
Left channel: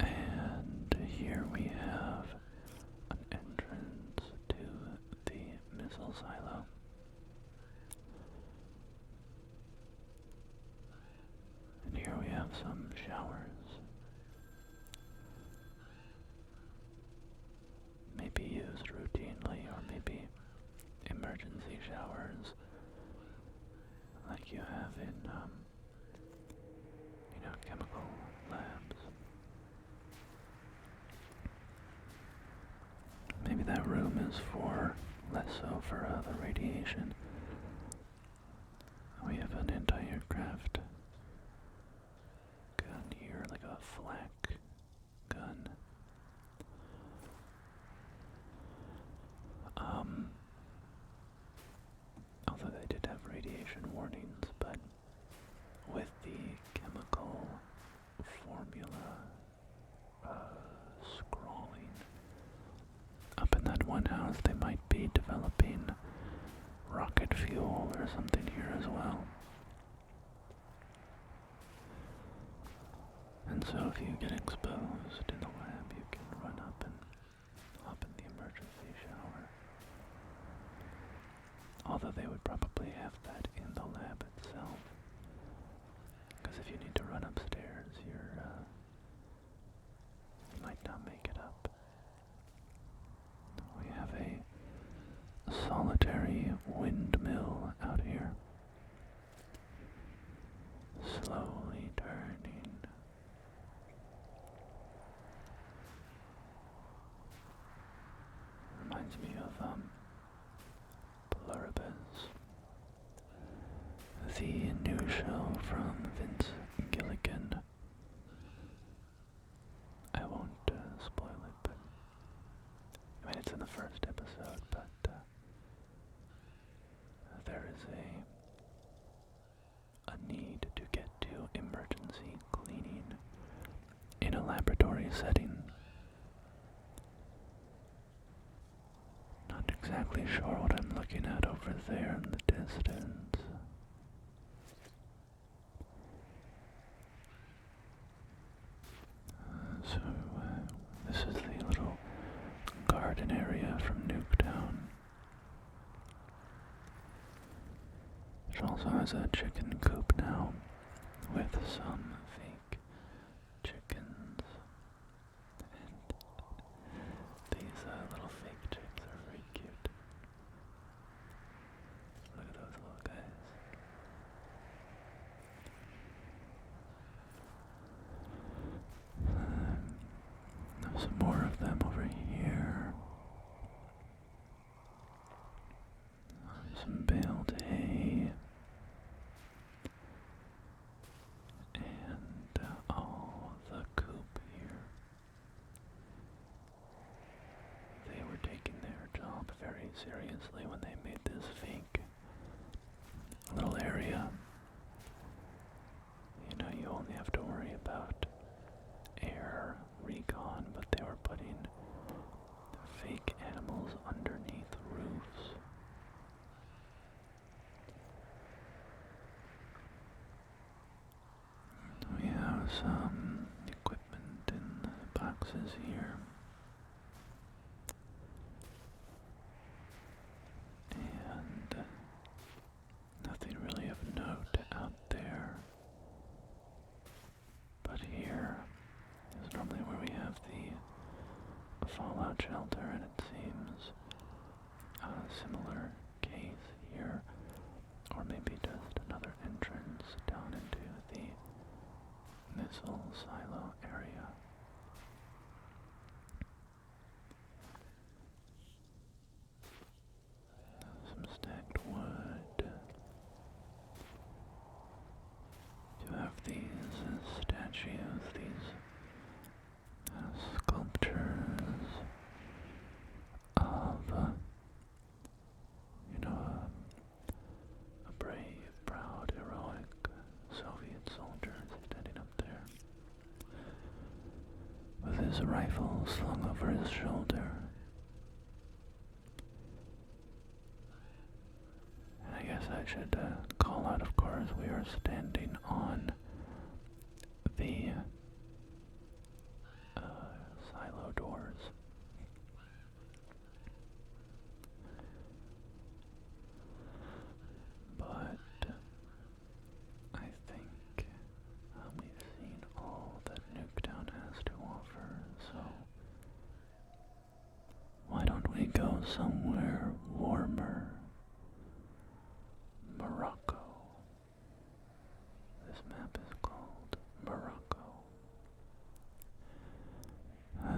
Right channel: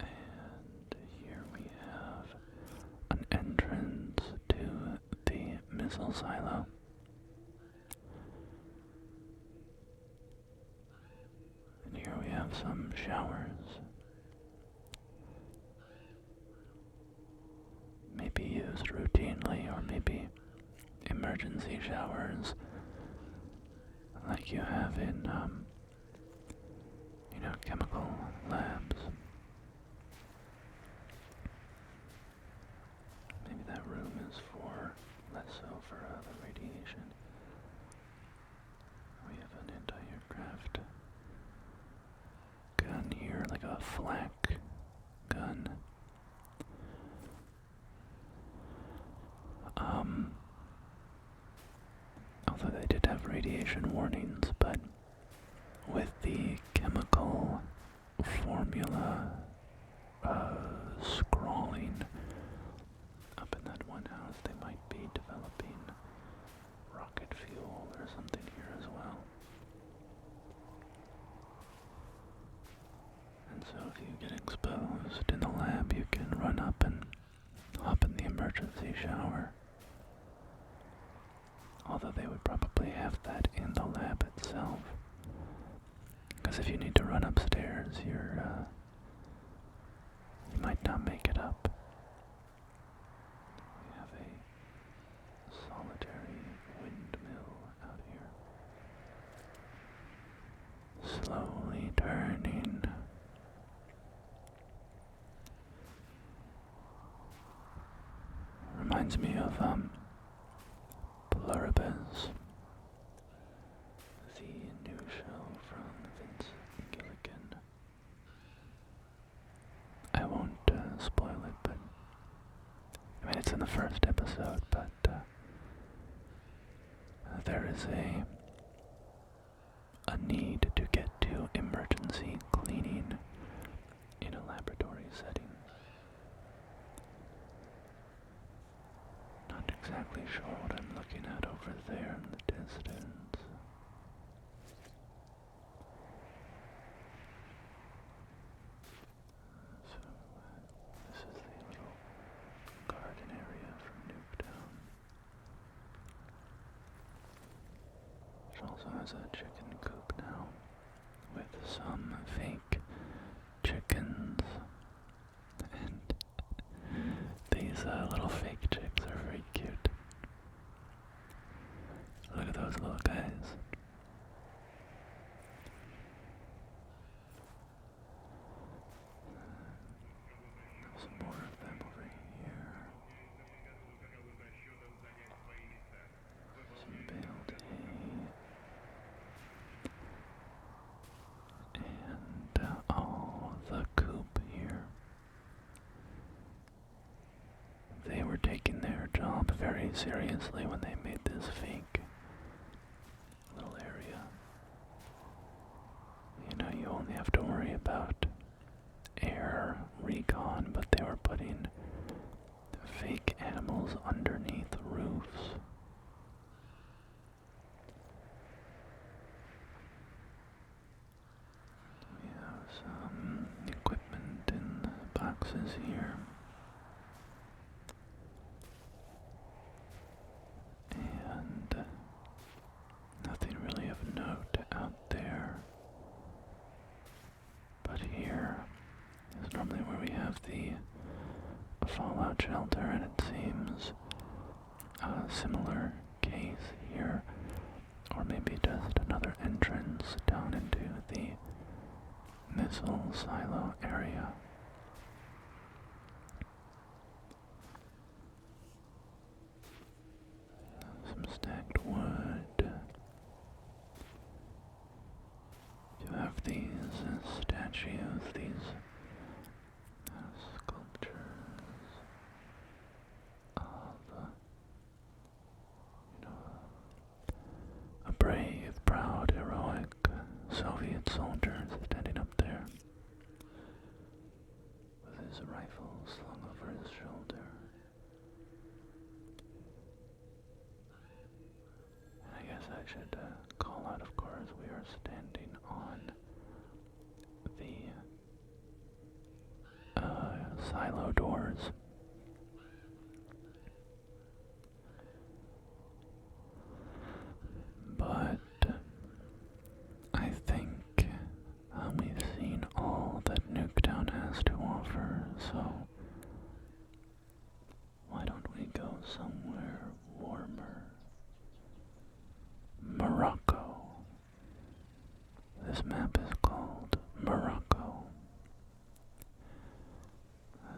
And here we have an entrance to the missile silo. And here we have some showers. Maybe used routinely, or maybe emergency showers like you have in, chemical labs. Maybe that room is less so for the radiation. We have an anti-aircraft gun here, like a flak gun. Although they did have radiation warnings, but with the chemical formula scrawling up in that one house, they might be developing rocket fuel or something here as well. And so if you get exposed in the lab, you can run up and hop in the emergency shower. Although they would probably have that in the lab itself. Because if you need to run upstairs, you might not make it up. We have a solitary windmill out here. Slowly turning. Reminds me of Pluribus, the new show from Vince Gilligan. I won't spoil it, but I mean it's in the first episode, but there is a need to get to emergency cleaning in a laboratory setting. Not exactly sure what I'm looking at over there in the distance. So this is the little garden area from Nuketown. It also has a chicken coop now with some fake chickens and pretty seriously when they made this fake little area. You know, you only have to worry about air recon, but they were putting fake animals underneath roofs. We have some equipment in boxes here. And nothing really of note out there. But here is normally where we have the fallout shelter, and it seems a similar case here, or maybe just another entrance down into the missile silo area. Some stacked wood. You have these statues, these sculptures of, a brave, proud, heroic Soviet soldier standing up there with his rifle slung over his shoulder. And I guess I should call out, of course, we are standing on the silo doors. But I think we've seen all that Nuketown has to offer, so why don't we go somewhere warmer? Morocco. This map is called Morocco.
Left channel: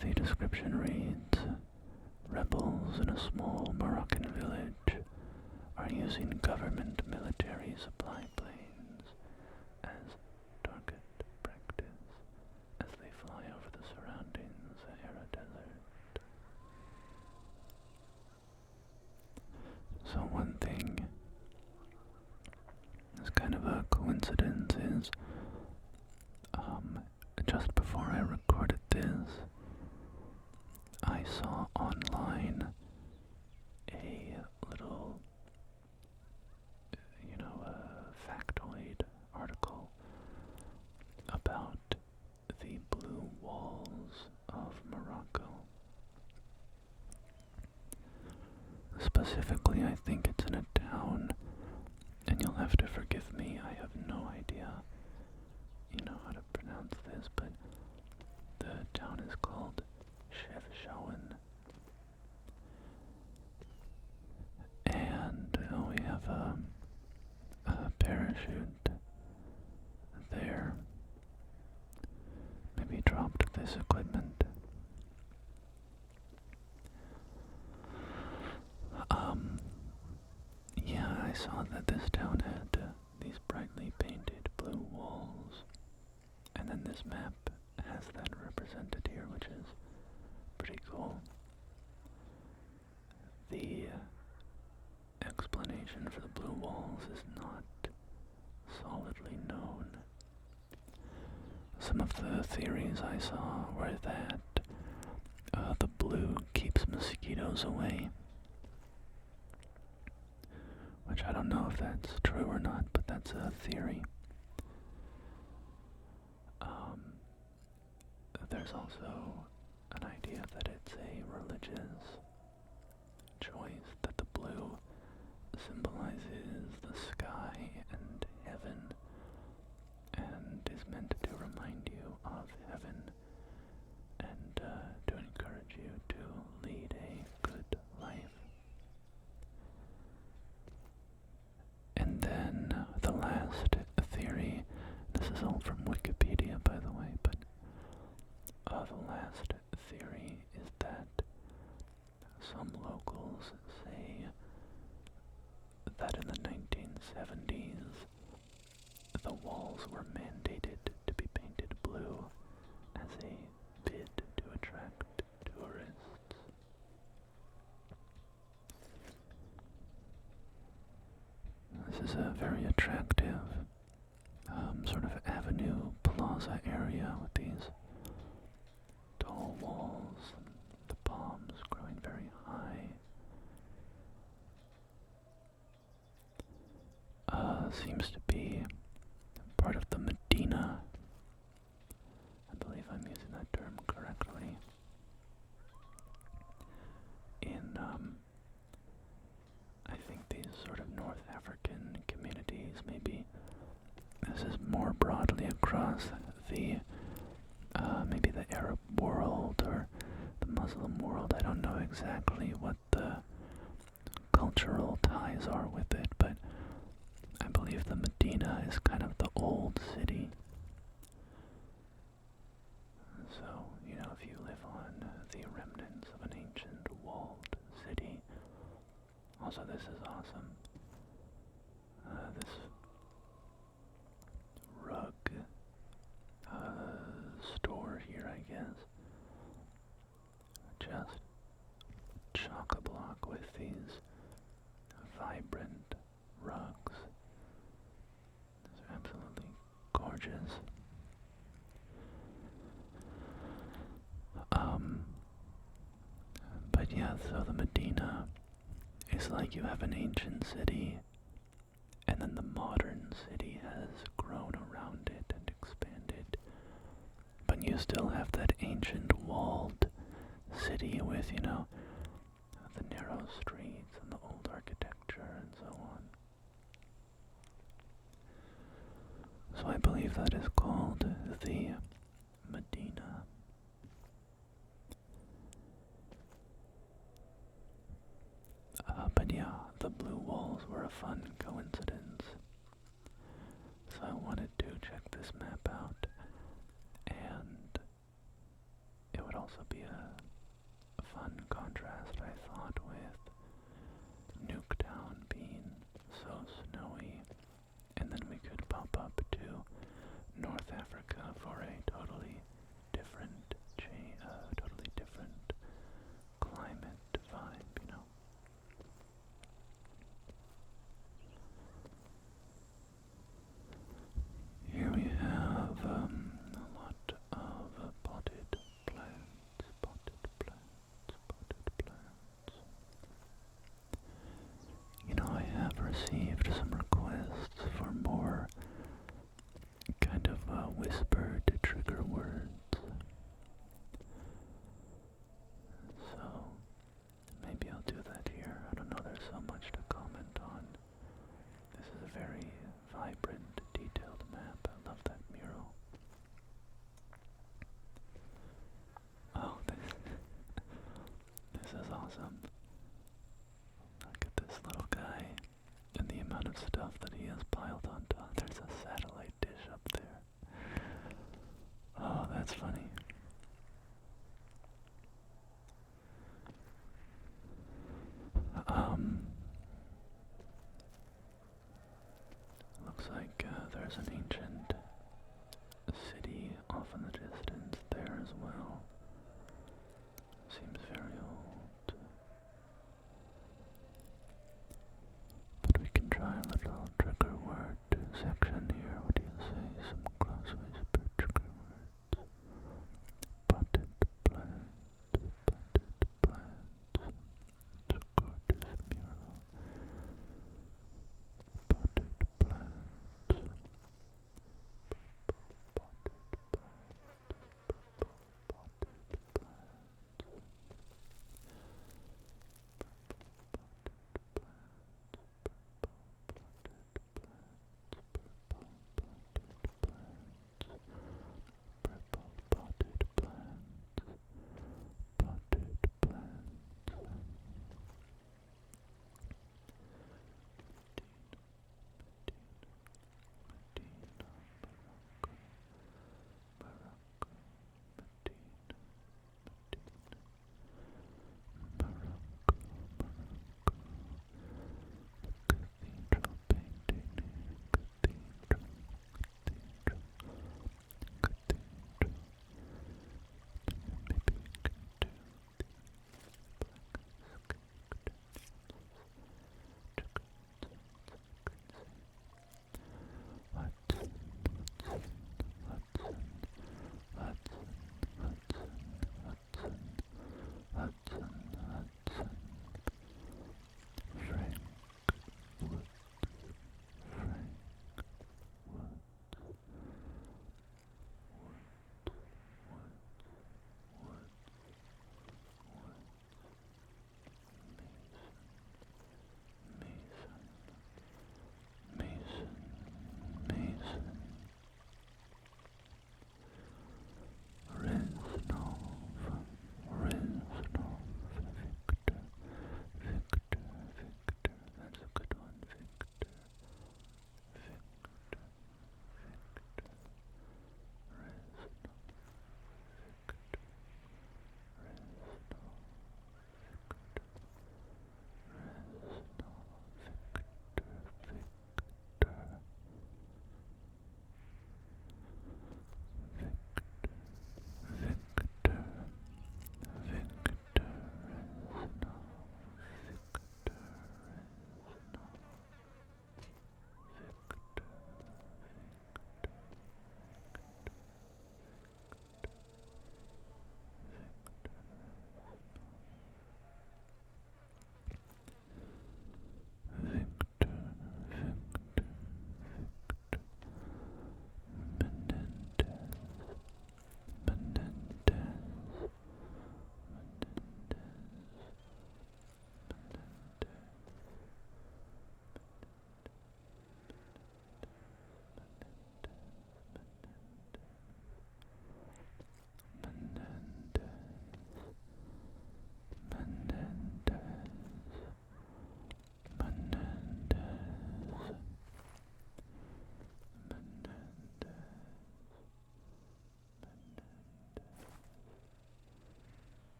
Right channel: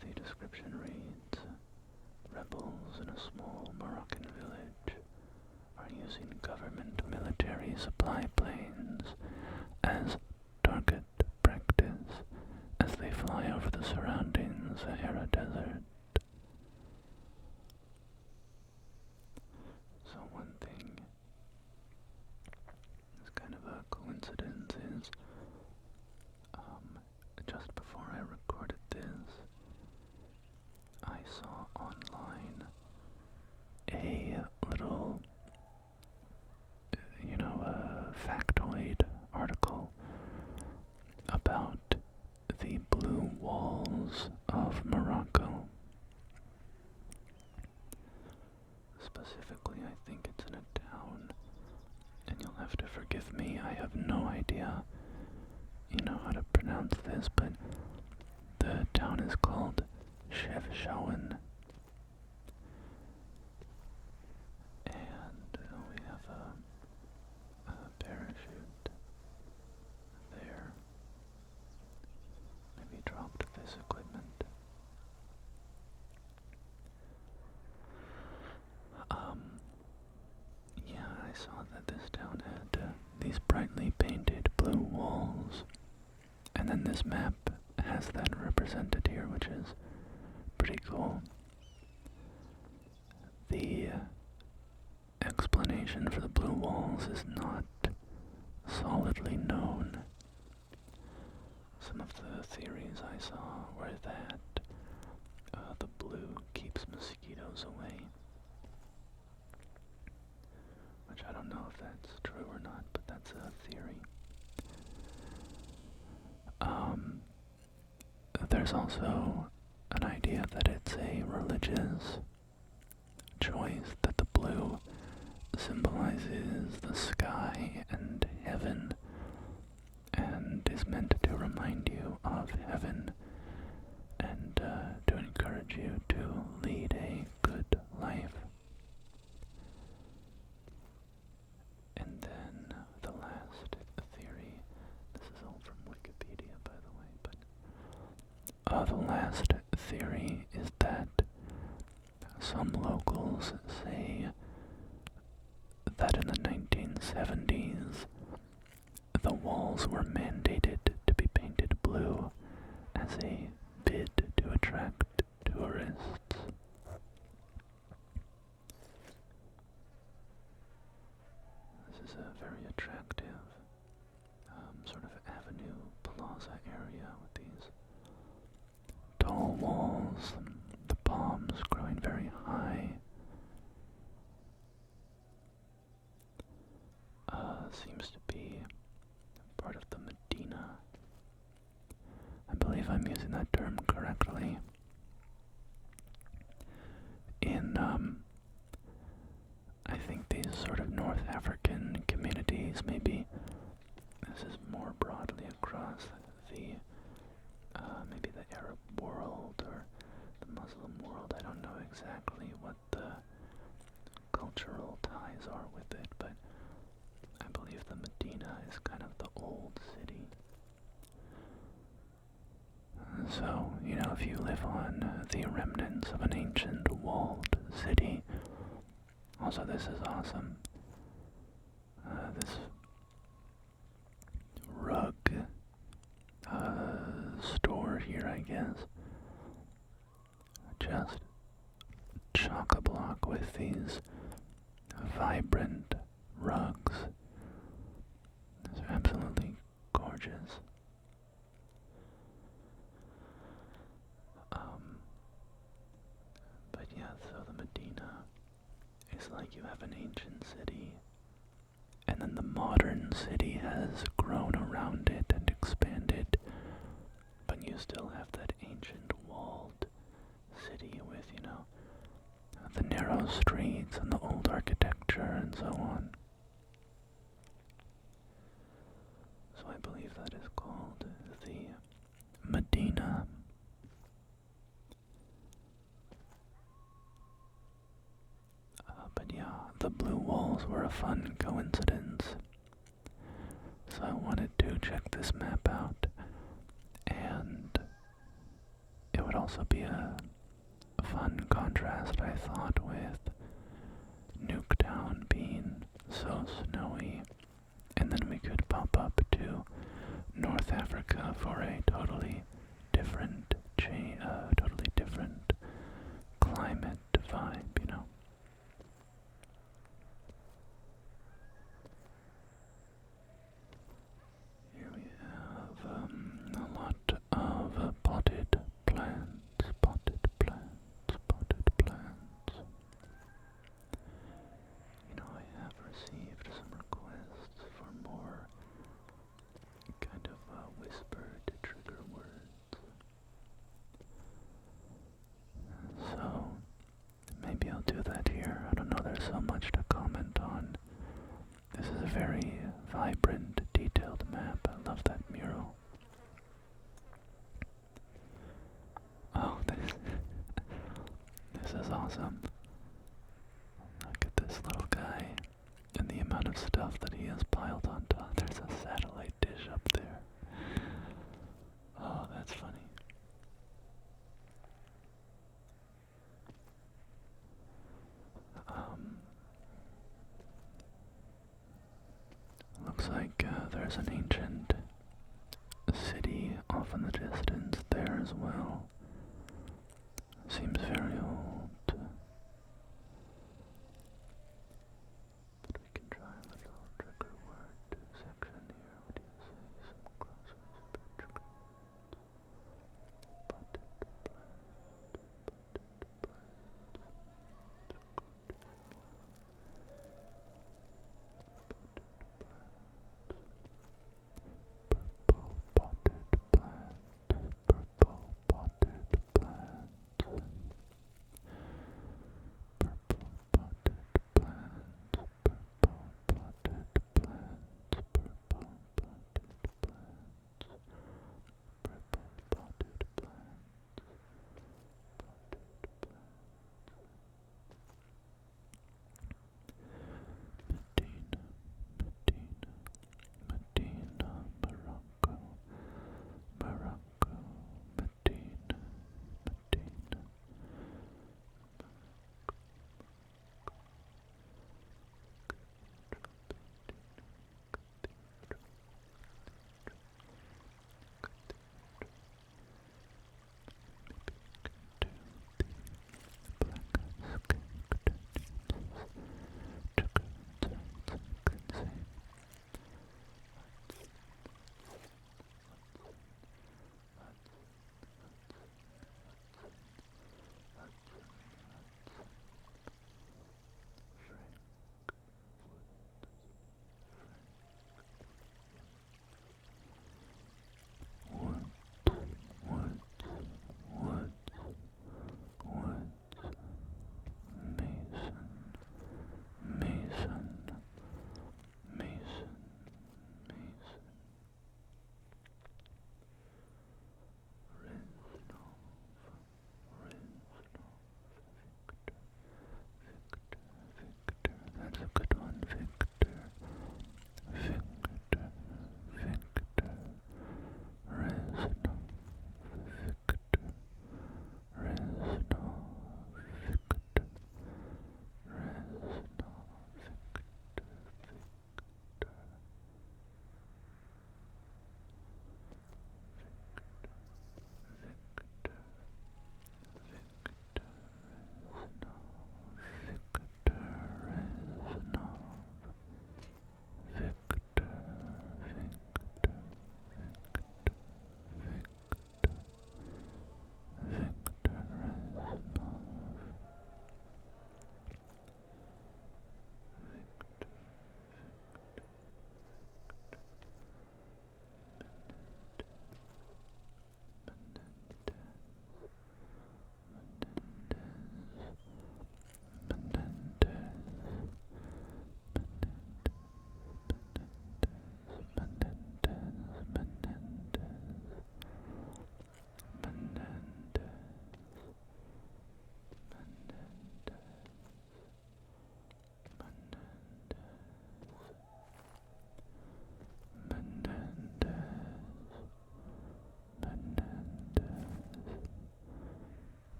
The description reads, rebels in a small Moroccan village are using government military supply planes as target practice as they fly over the surrounding Sahara Desert. So one thing is kind of a coincidence is just before I recorded this, I saw online a little, factoid article about the blue walls of Morocco. Specifically, I think it's in a town, and you'll have to forgive me, I have no idea, how to pronounce this, but the town is called Chefchaouen. And we have a parachute there. Maybe dropped this equipment. Yeah, I saw that this town had these brightly painted blue walls, and then this map has that represented here, which is pretty cool. The explanation for the blue walls is not solidly known. Some of the theories I saw were that the blue keeps mosquitoes away, which I don't know if that's true or not, but that's a theory. There's also an idea that it's a religious choice, that the blue symbolizes the sky and heaven, and is meant to remind you of heaven, and to encourage you to lead a good life. And then the last theory, this is all from Wikipedia by the way, but the last theory is that some locals say that in the 1970s the walls were mandated to be painted blue as a bid to attract tourists. seems to be part of the Medina. I believe I'm using that term correctly. In, I think these sort of North African communities, maybe this is more broadly across the, maybe the Arab world or the Muslim world. I don't know exactly what the cultural ties are with it, but I believe the Medina is kind of the old city. So, you know, if you live on the remnants of an ancient walled city, also this is awesome. This rug store here, I guess, just chock-a-block with these vibrant rugs. They're absolutely gorgeous. But yeah, so the Medina is like you have an ancient city, and then the modern city has grown around it and expanded, but you still have that ancient walled city with, you know, the narrow streets and the old architecture and so on. So I believe that is called the Medina. But yeah, the blue walls were a fun coincidence. So I wanted to check this map out, and it would also be a fun contrast, I thought, with Nuketown being so snowy, and then we could pop up to North Africa for a totally different climate vibe, you know. Here we have a lot of potted plants, You know, I have received some requests for more kind of whispered trigger words. So, maybe I'll do that here. I don't know, there's so much to comment on. This is a very vibrant, detailed map. I love that mural. Oh, this is awesome. Look at this little guy and the amount of stuff that he has piled on top. There's a satellite dish up there. Oh, that's funny. Looks like there's an ancient city off in the distance there as well. Seems very old.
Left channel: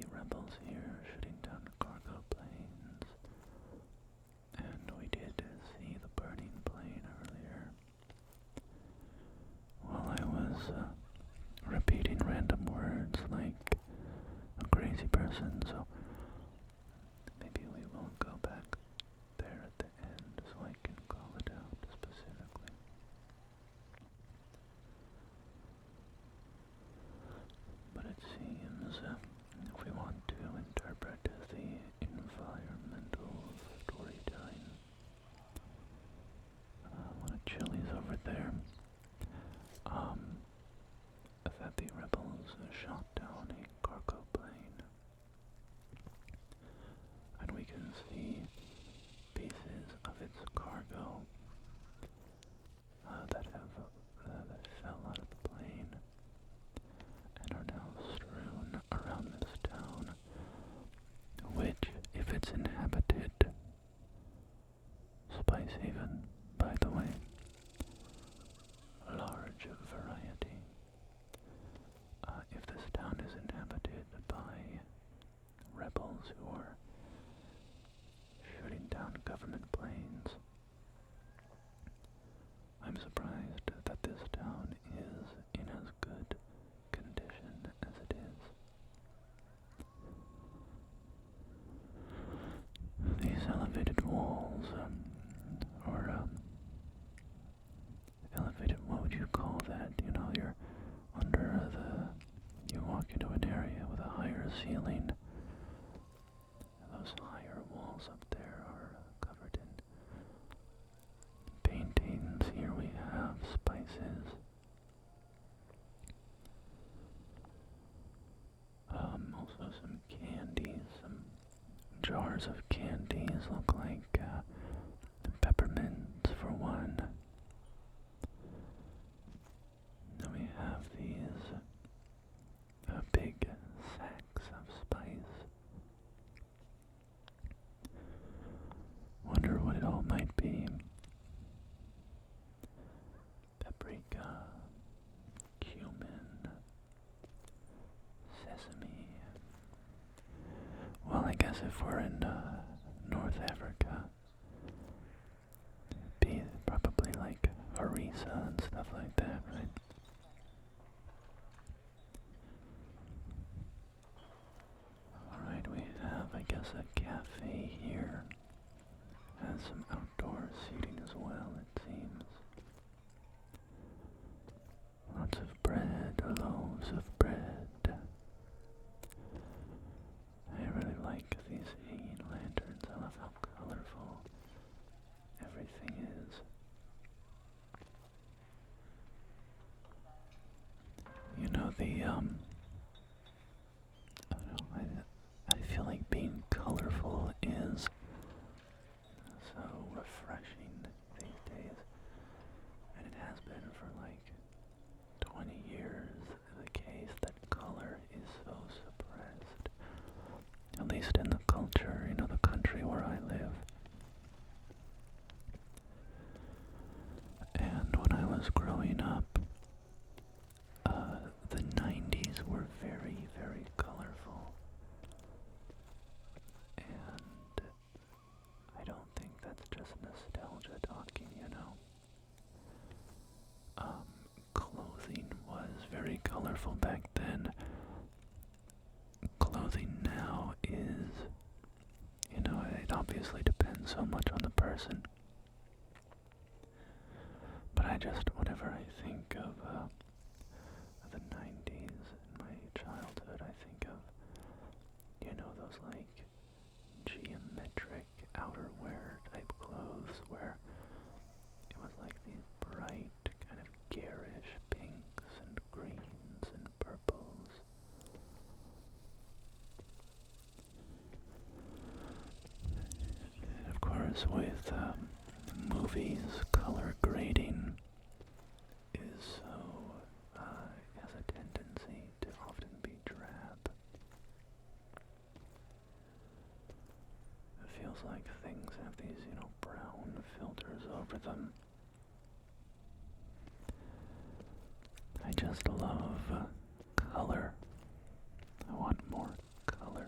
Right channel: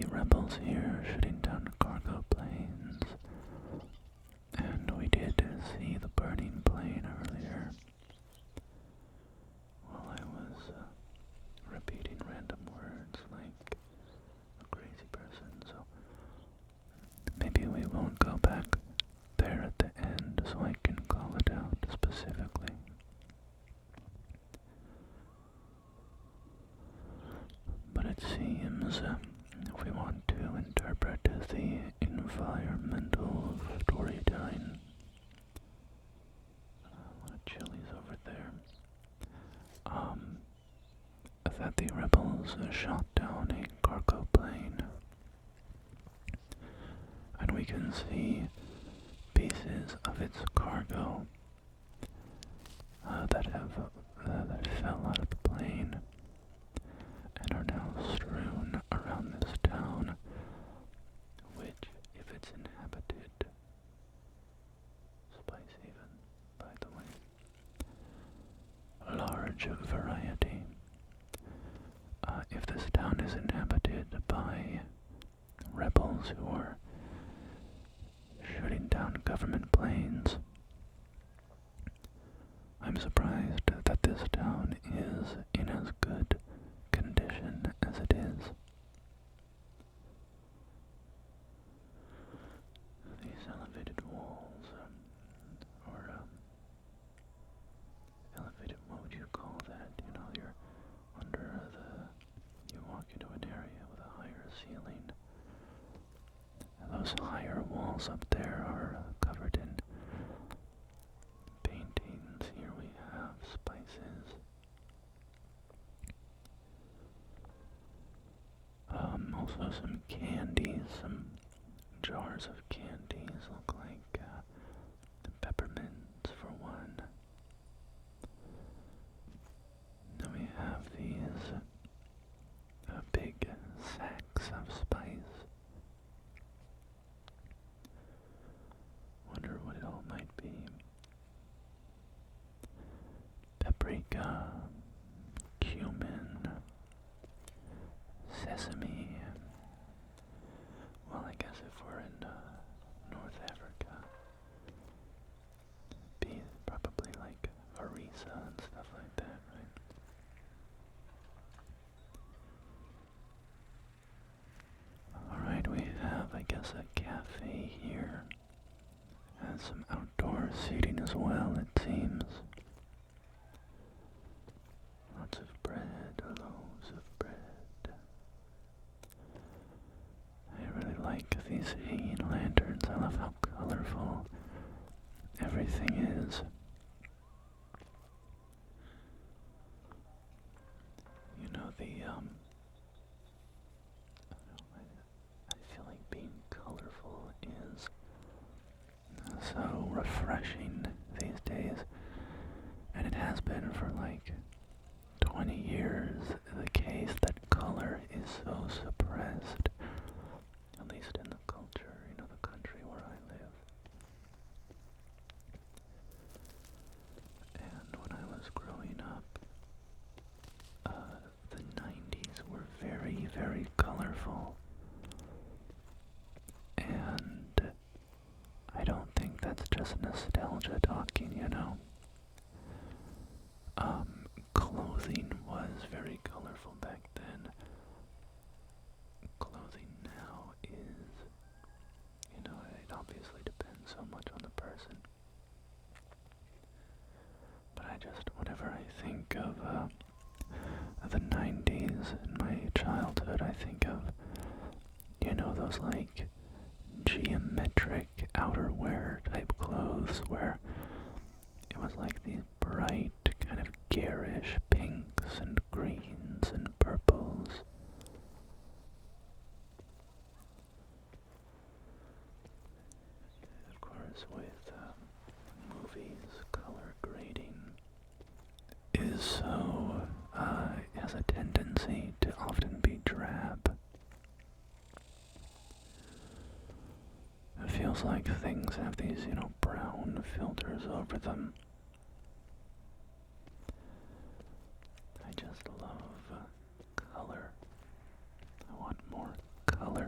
the rebels here shooting down cargo planes. And we did see the burning plane earlier while I was repeating random words like a crazy person, so maybe we won't go back there at the end so I can call it out specifically. But it seems if we want to interpret the environmental storytelling, a lot of chilies over there, that the rebels shot down a cargo plane, and we can see pieces of its cargo that fell out of the plane and are now strewn around this town, which, if it's inhabited, Spice Haven, by the way, large variety. If this town is inhabited by rebels who are shooting down government planes, I'm surprised that this town is in as good condition as it is. These elevated walls, or elevated, what would you call that? You know, you're you walk into an area with a higher ceiling. Those higher walls up there are covered in paintings. Here we have spices. Also some candies, some jars of candies look like peppermints for one. Then we have these big sacks of spice. Wonder what it all might be. Paprika, cumin, sesame. Well, I guess if we're in North Africa, it'd be probably like harissa and stuff like that, right? Alright, we have, I guess, a cafe here. Has some outdoor seating as well, it seems. Lots of bread, loaves of bread. I really like these hanging lanterns. I love how colorful everything is. You know, I feel like being colorful is so refreshing these days, and it has been for like 20 years the case that color is so suppressed, at least in the culture, you know, the country where I live. And when I was growing up, the 90s were very, very colorful, and I don't think that's just nostalgia talking, you know. Clothing was very colorful back then. Clothing now is, you know, it obviously depends so much on the person. But whenever I think of the 90s in my childhood, I think of, you know, those like geometric outerwear type clothes where it was like these bright, kind of garish pinks and greens and purples. Of course, with movies, color grading is so, has a tendency to often be drab. It feels like things have these, you know, brown filters over them. I just love color. I want more color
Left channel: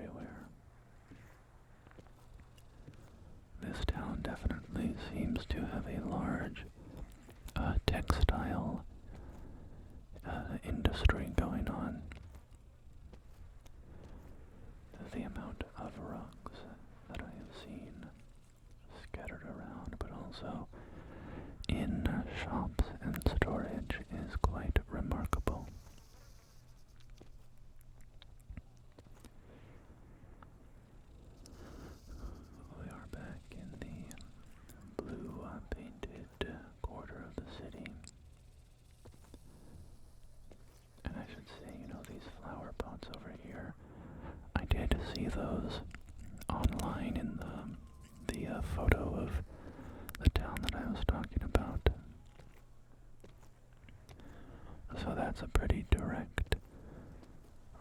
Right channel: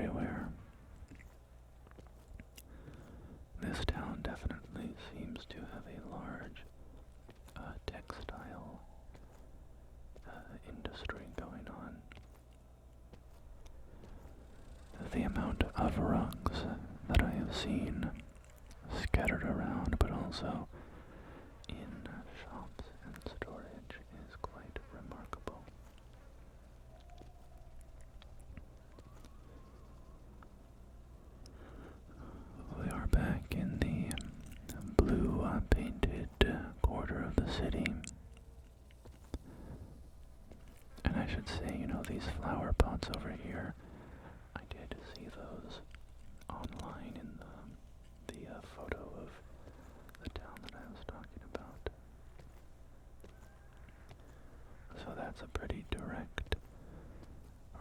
everywhere. This town definitely seems to have a large textile industry going on. The amount of rugs that I have seen scattered around, but also in shops and storage, is quite remarkable. We are back in the blue painted quarter of the city. And I should say, these flower pots over here, I did see those online in the photo of the town that I was talking about. So that's a pretty direct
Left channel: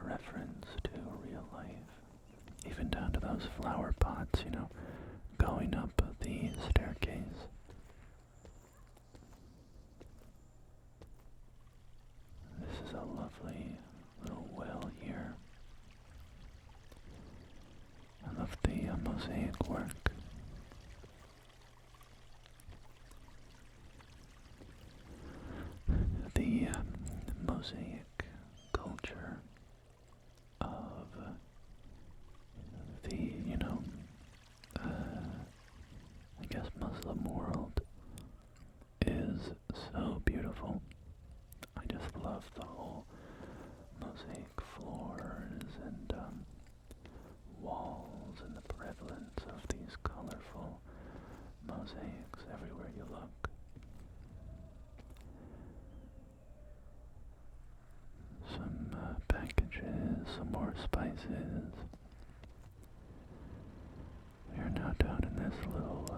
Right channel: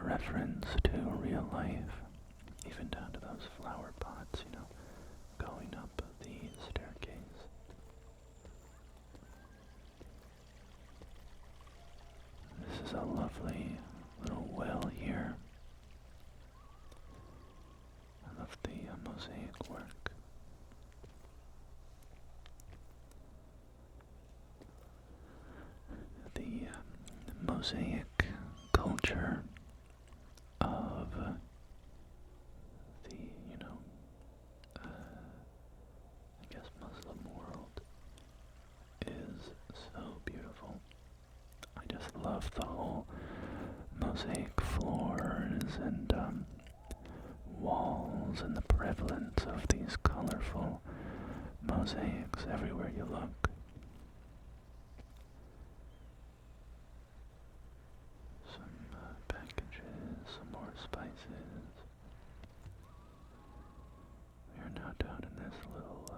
reference to real life, even down to those flower pots, going up the staircase. This is a lovely little well here. I love the mosaic work. The mosaic culture of the, I guess Muslim world is so beautiful. I just love the whole mosaic floors and walls and the prevalence of these colorful mosaics everywhere you look. Some packages, some more spices. We are now down in this little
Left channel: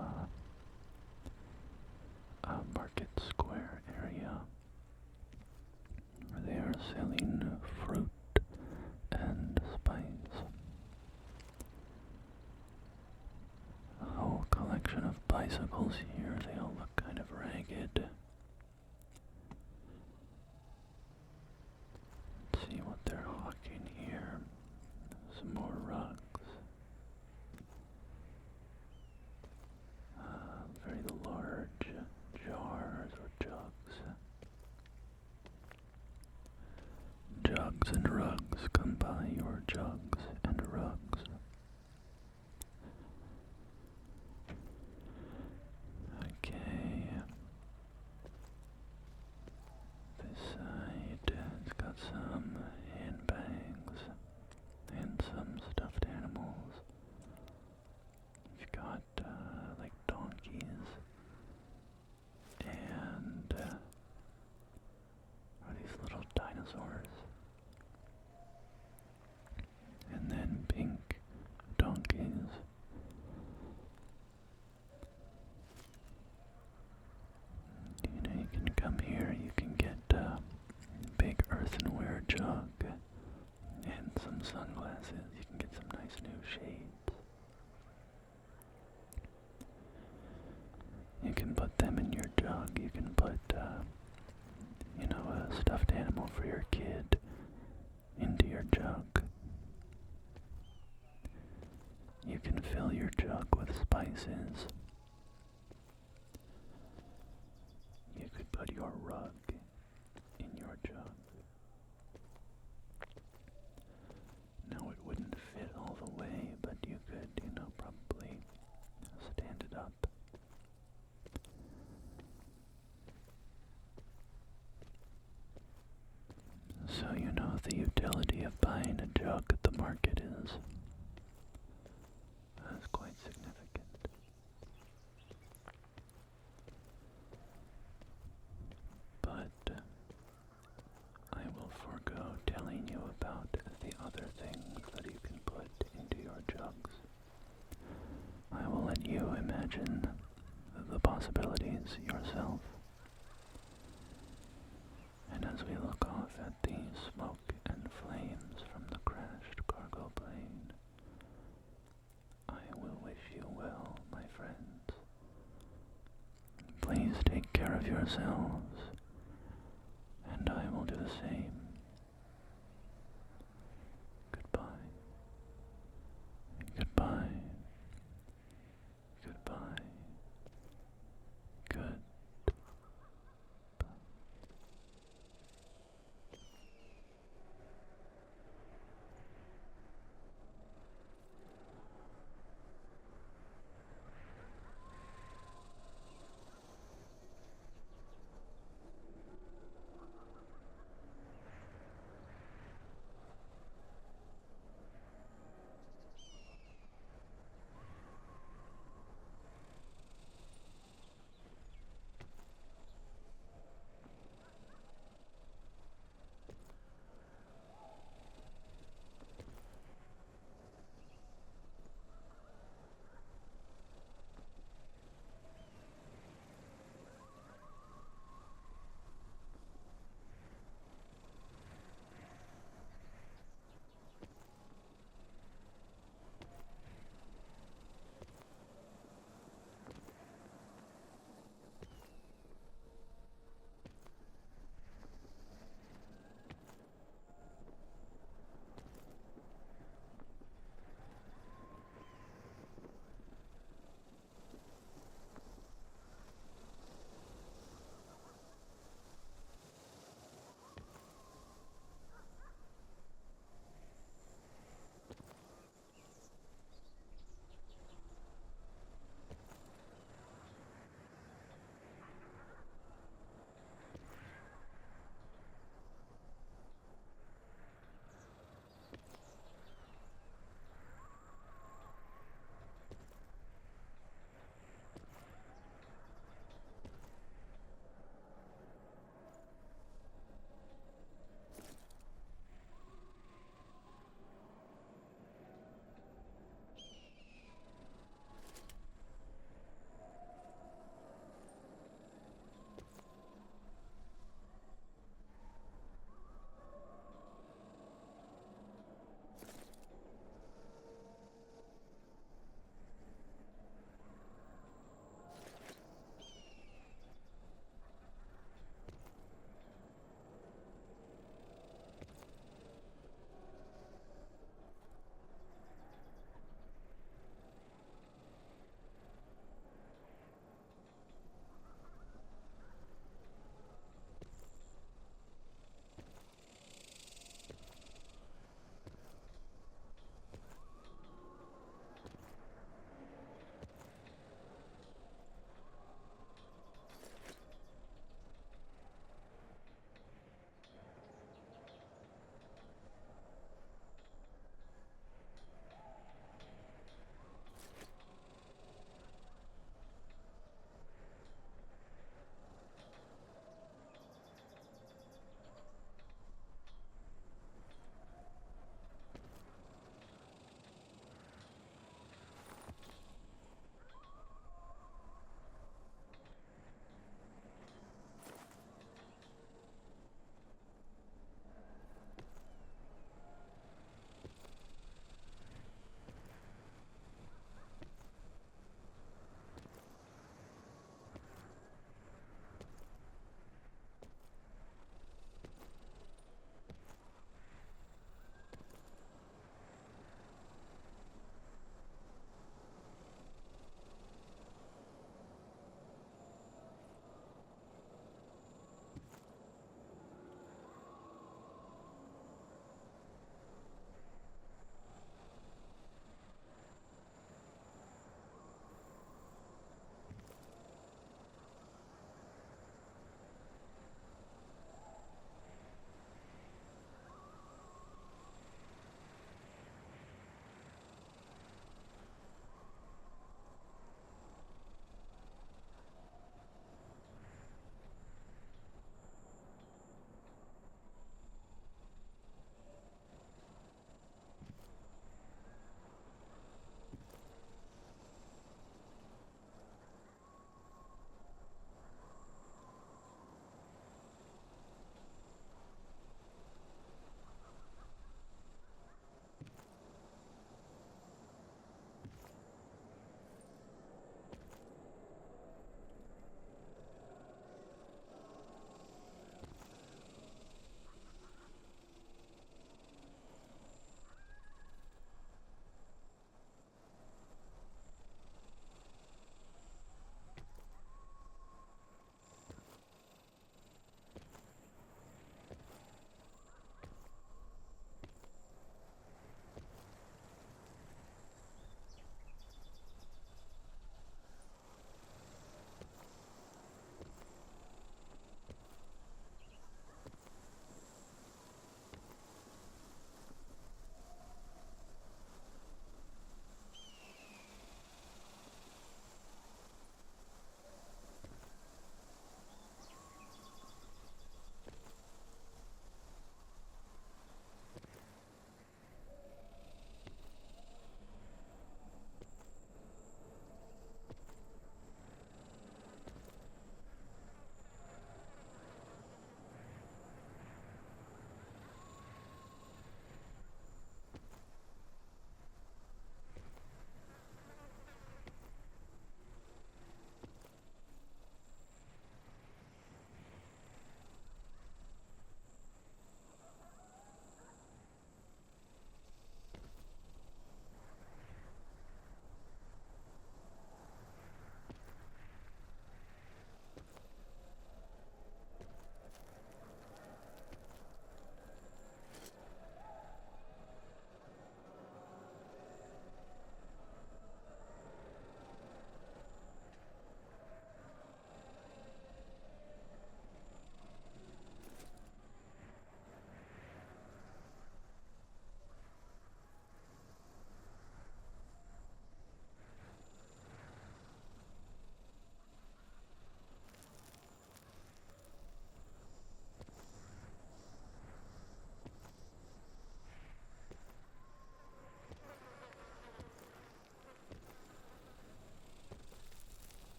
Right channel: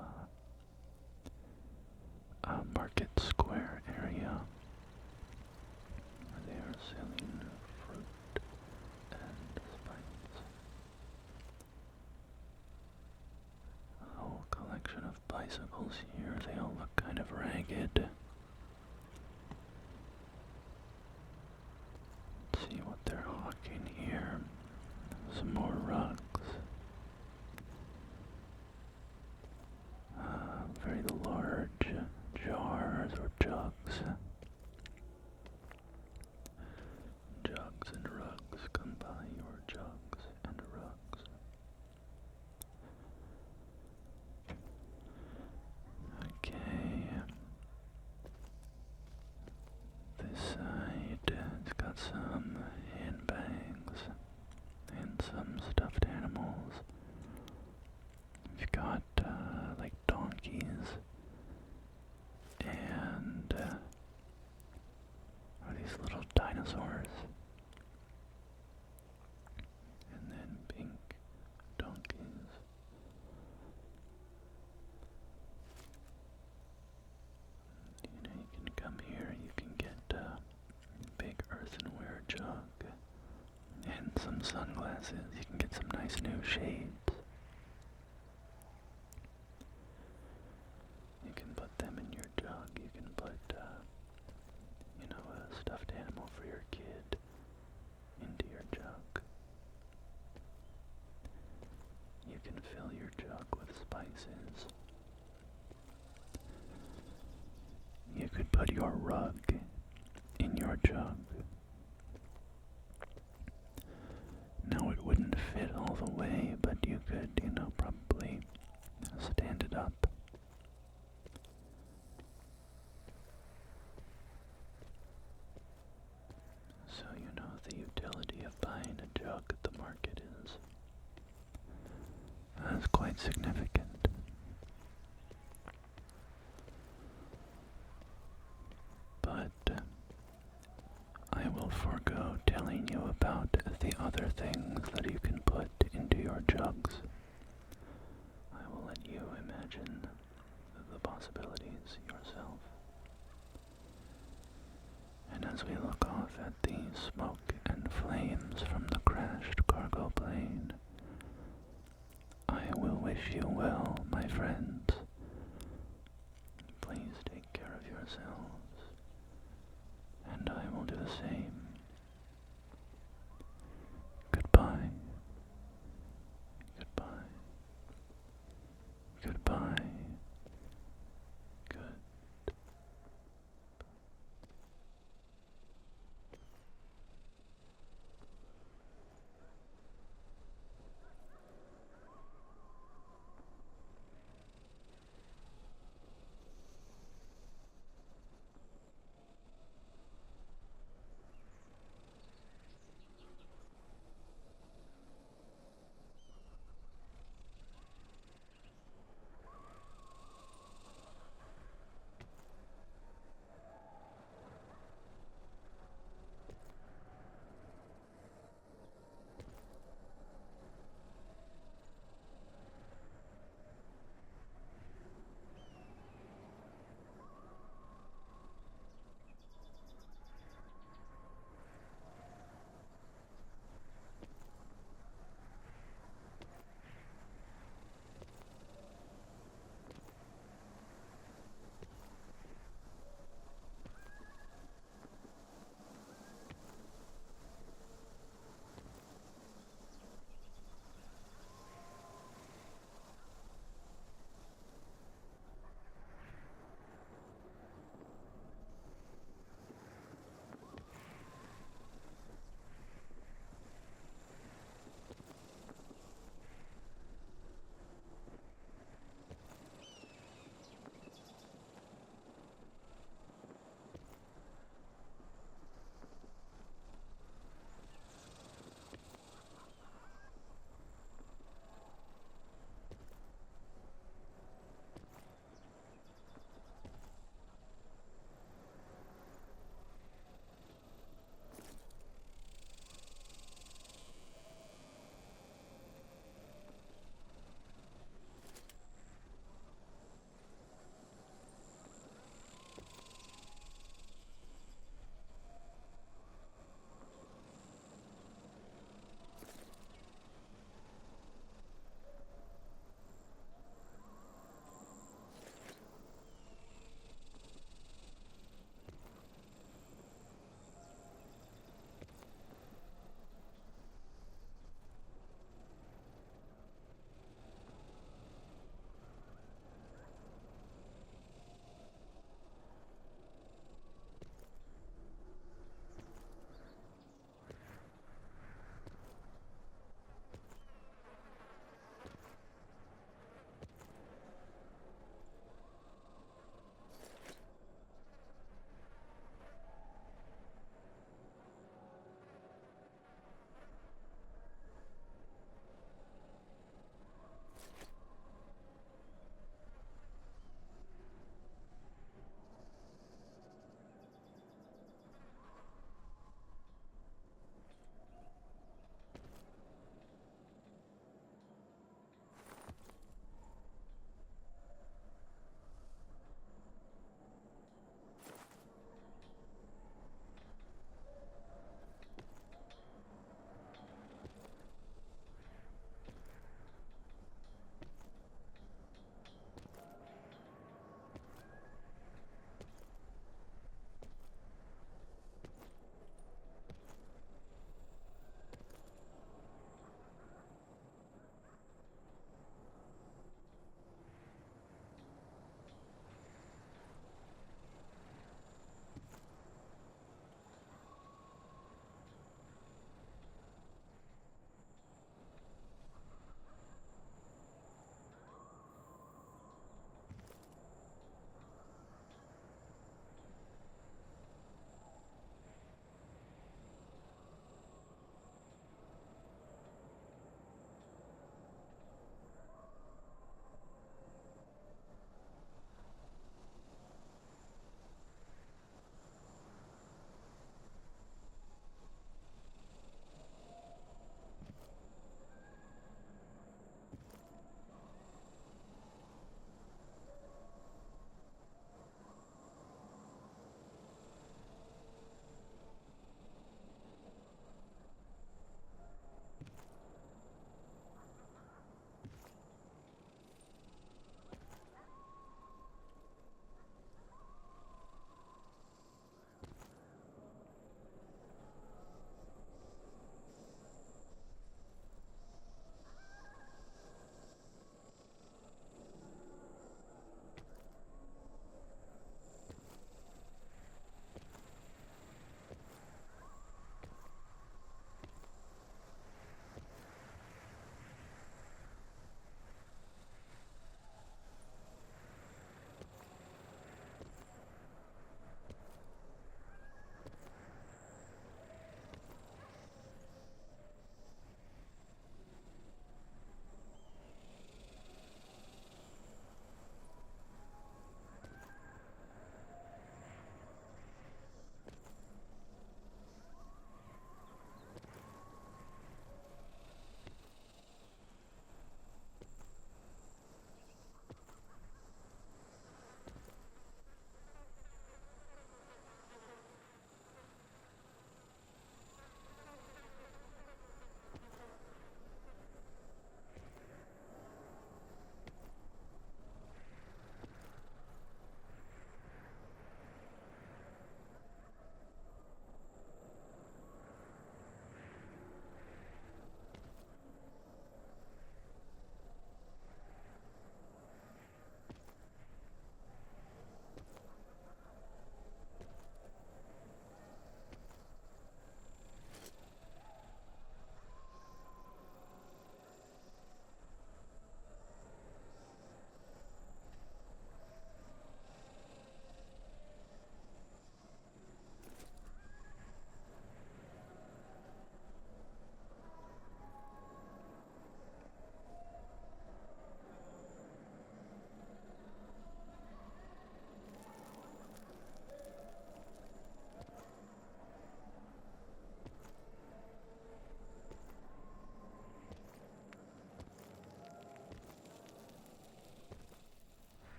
market square area where they are selling fruit and spice. A whole collection of bicycles here. They all look kind of ragged. Let's see what they're hawking here. Some more rugs. Very large jars or jugs. Jugs and rugs. Come by your jugs and rugs. Okay. This side, it's got some handbags and some stuffed animals. You've got like donkeys and are these little dinosaurs, and then pink donkeys. You can come here, you can get a big earthenware jug and some sunglasses. You can get some nice new shades. You can put them in your jug. You can put, a stuffed animal for your kid into your jug. You can fill your jug with spices. You could put your rug in your jug. Now it wouldn't fit all the way, but you could, probably stand it up. So the utility of buying a jug at the market is quite significant. But I will forego telling you about the other things that you can put into your jugs. I will let you imagine the possibilities yourself. And as we look off at the smoke and flames from the crashed cargo plane, I will wish you well, my friends. Please take care of yourselves, and I will do the same.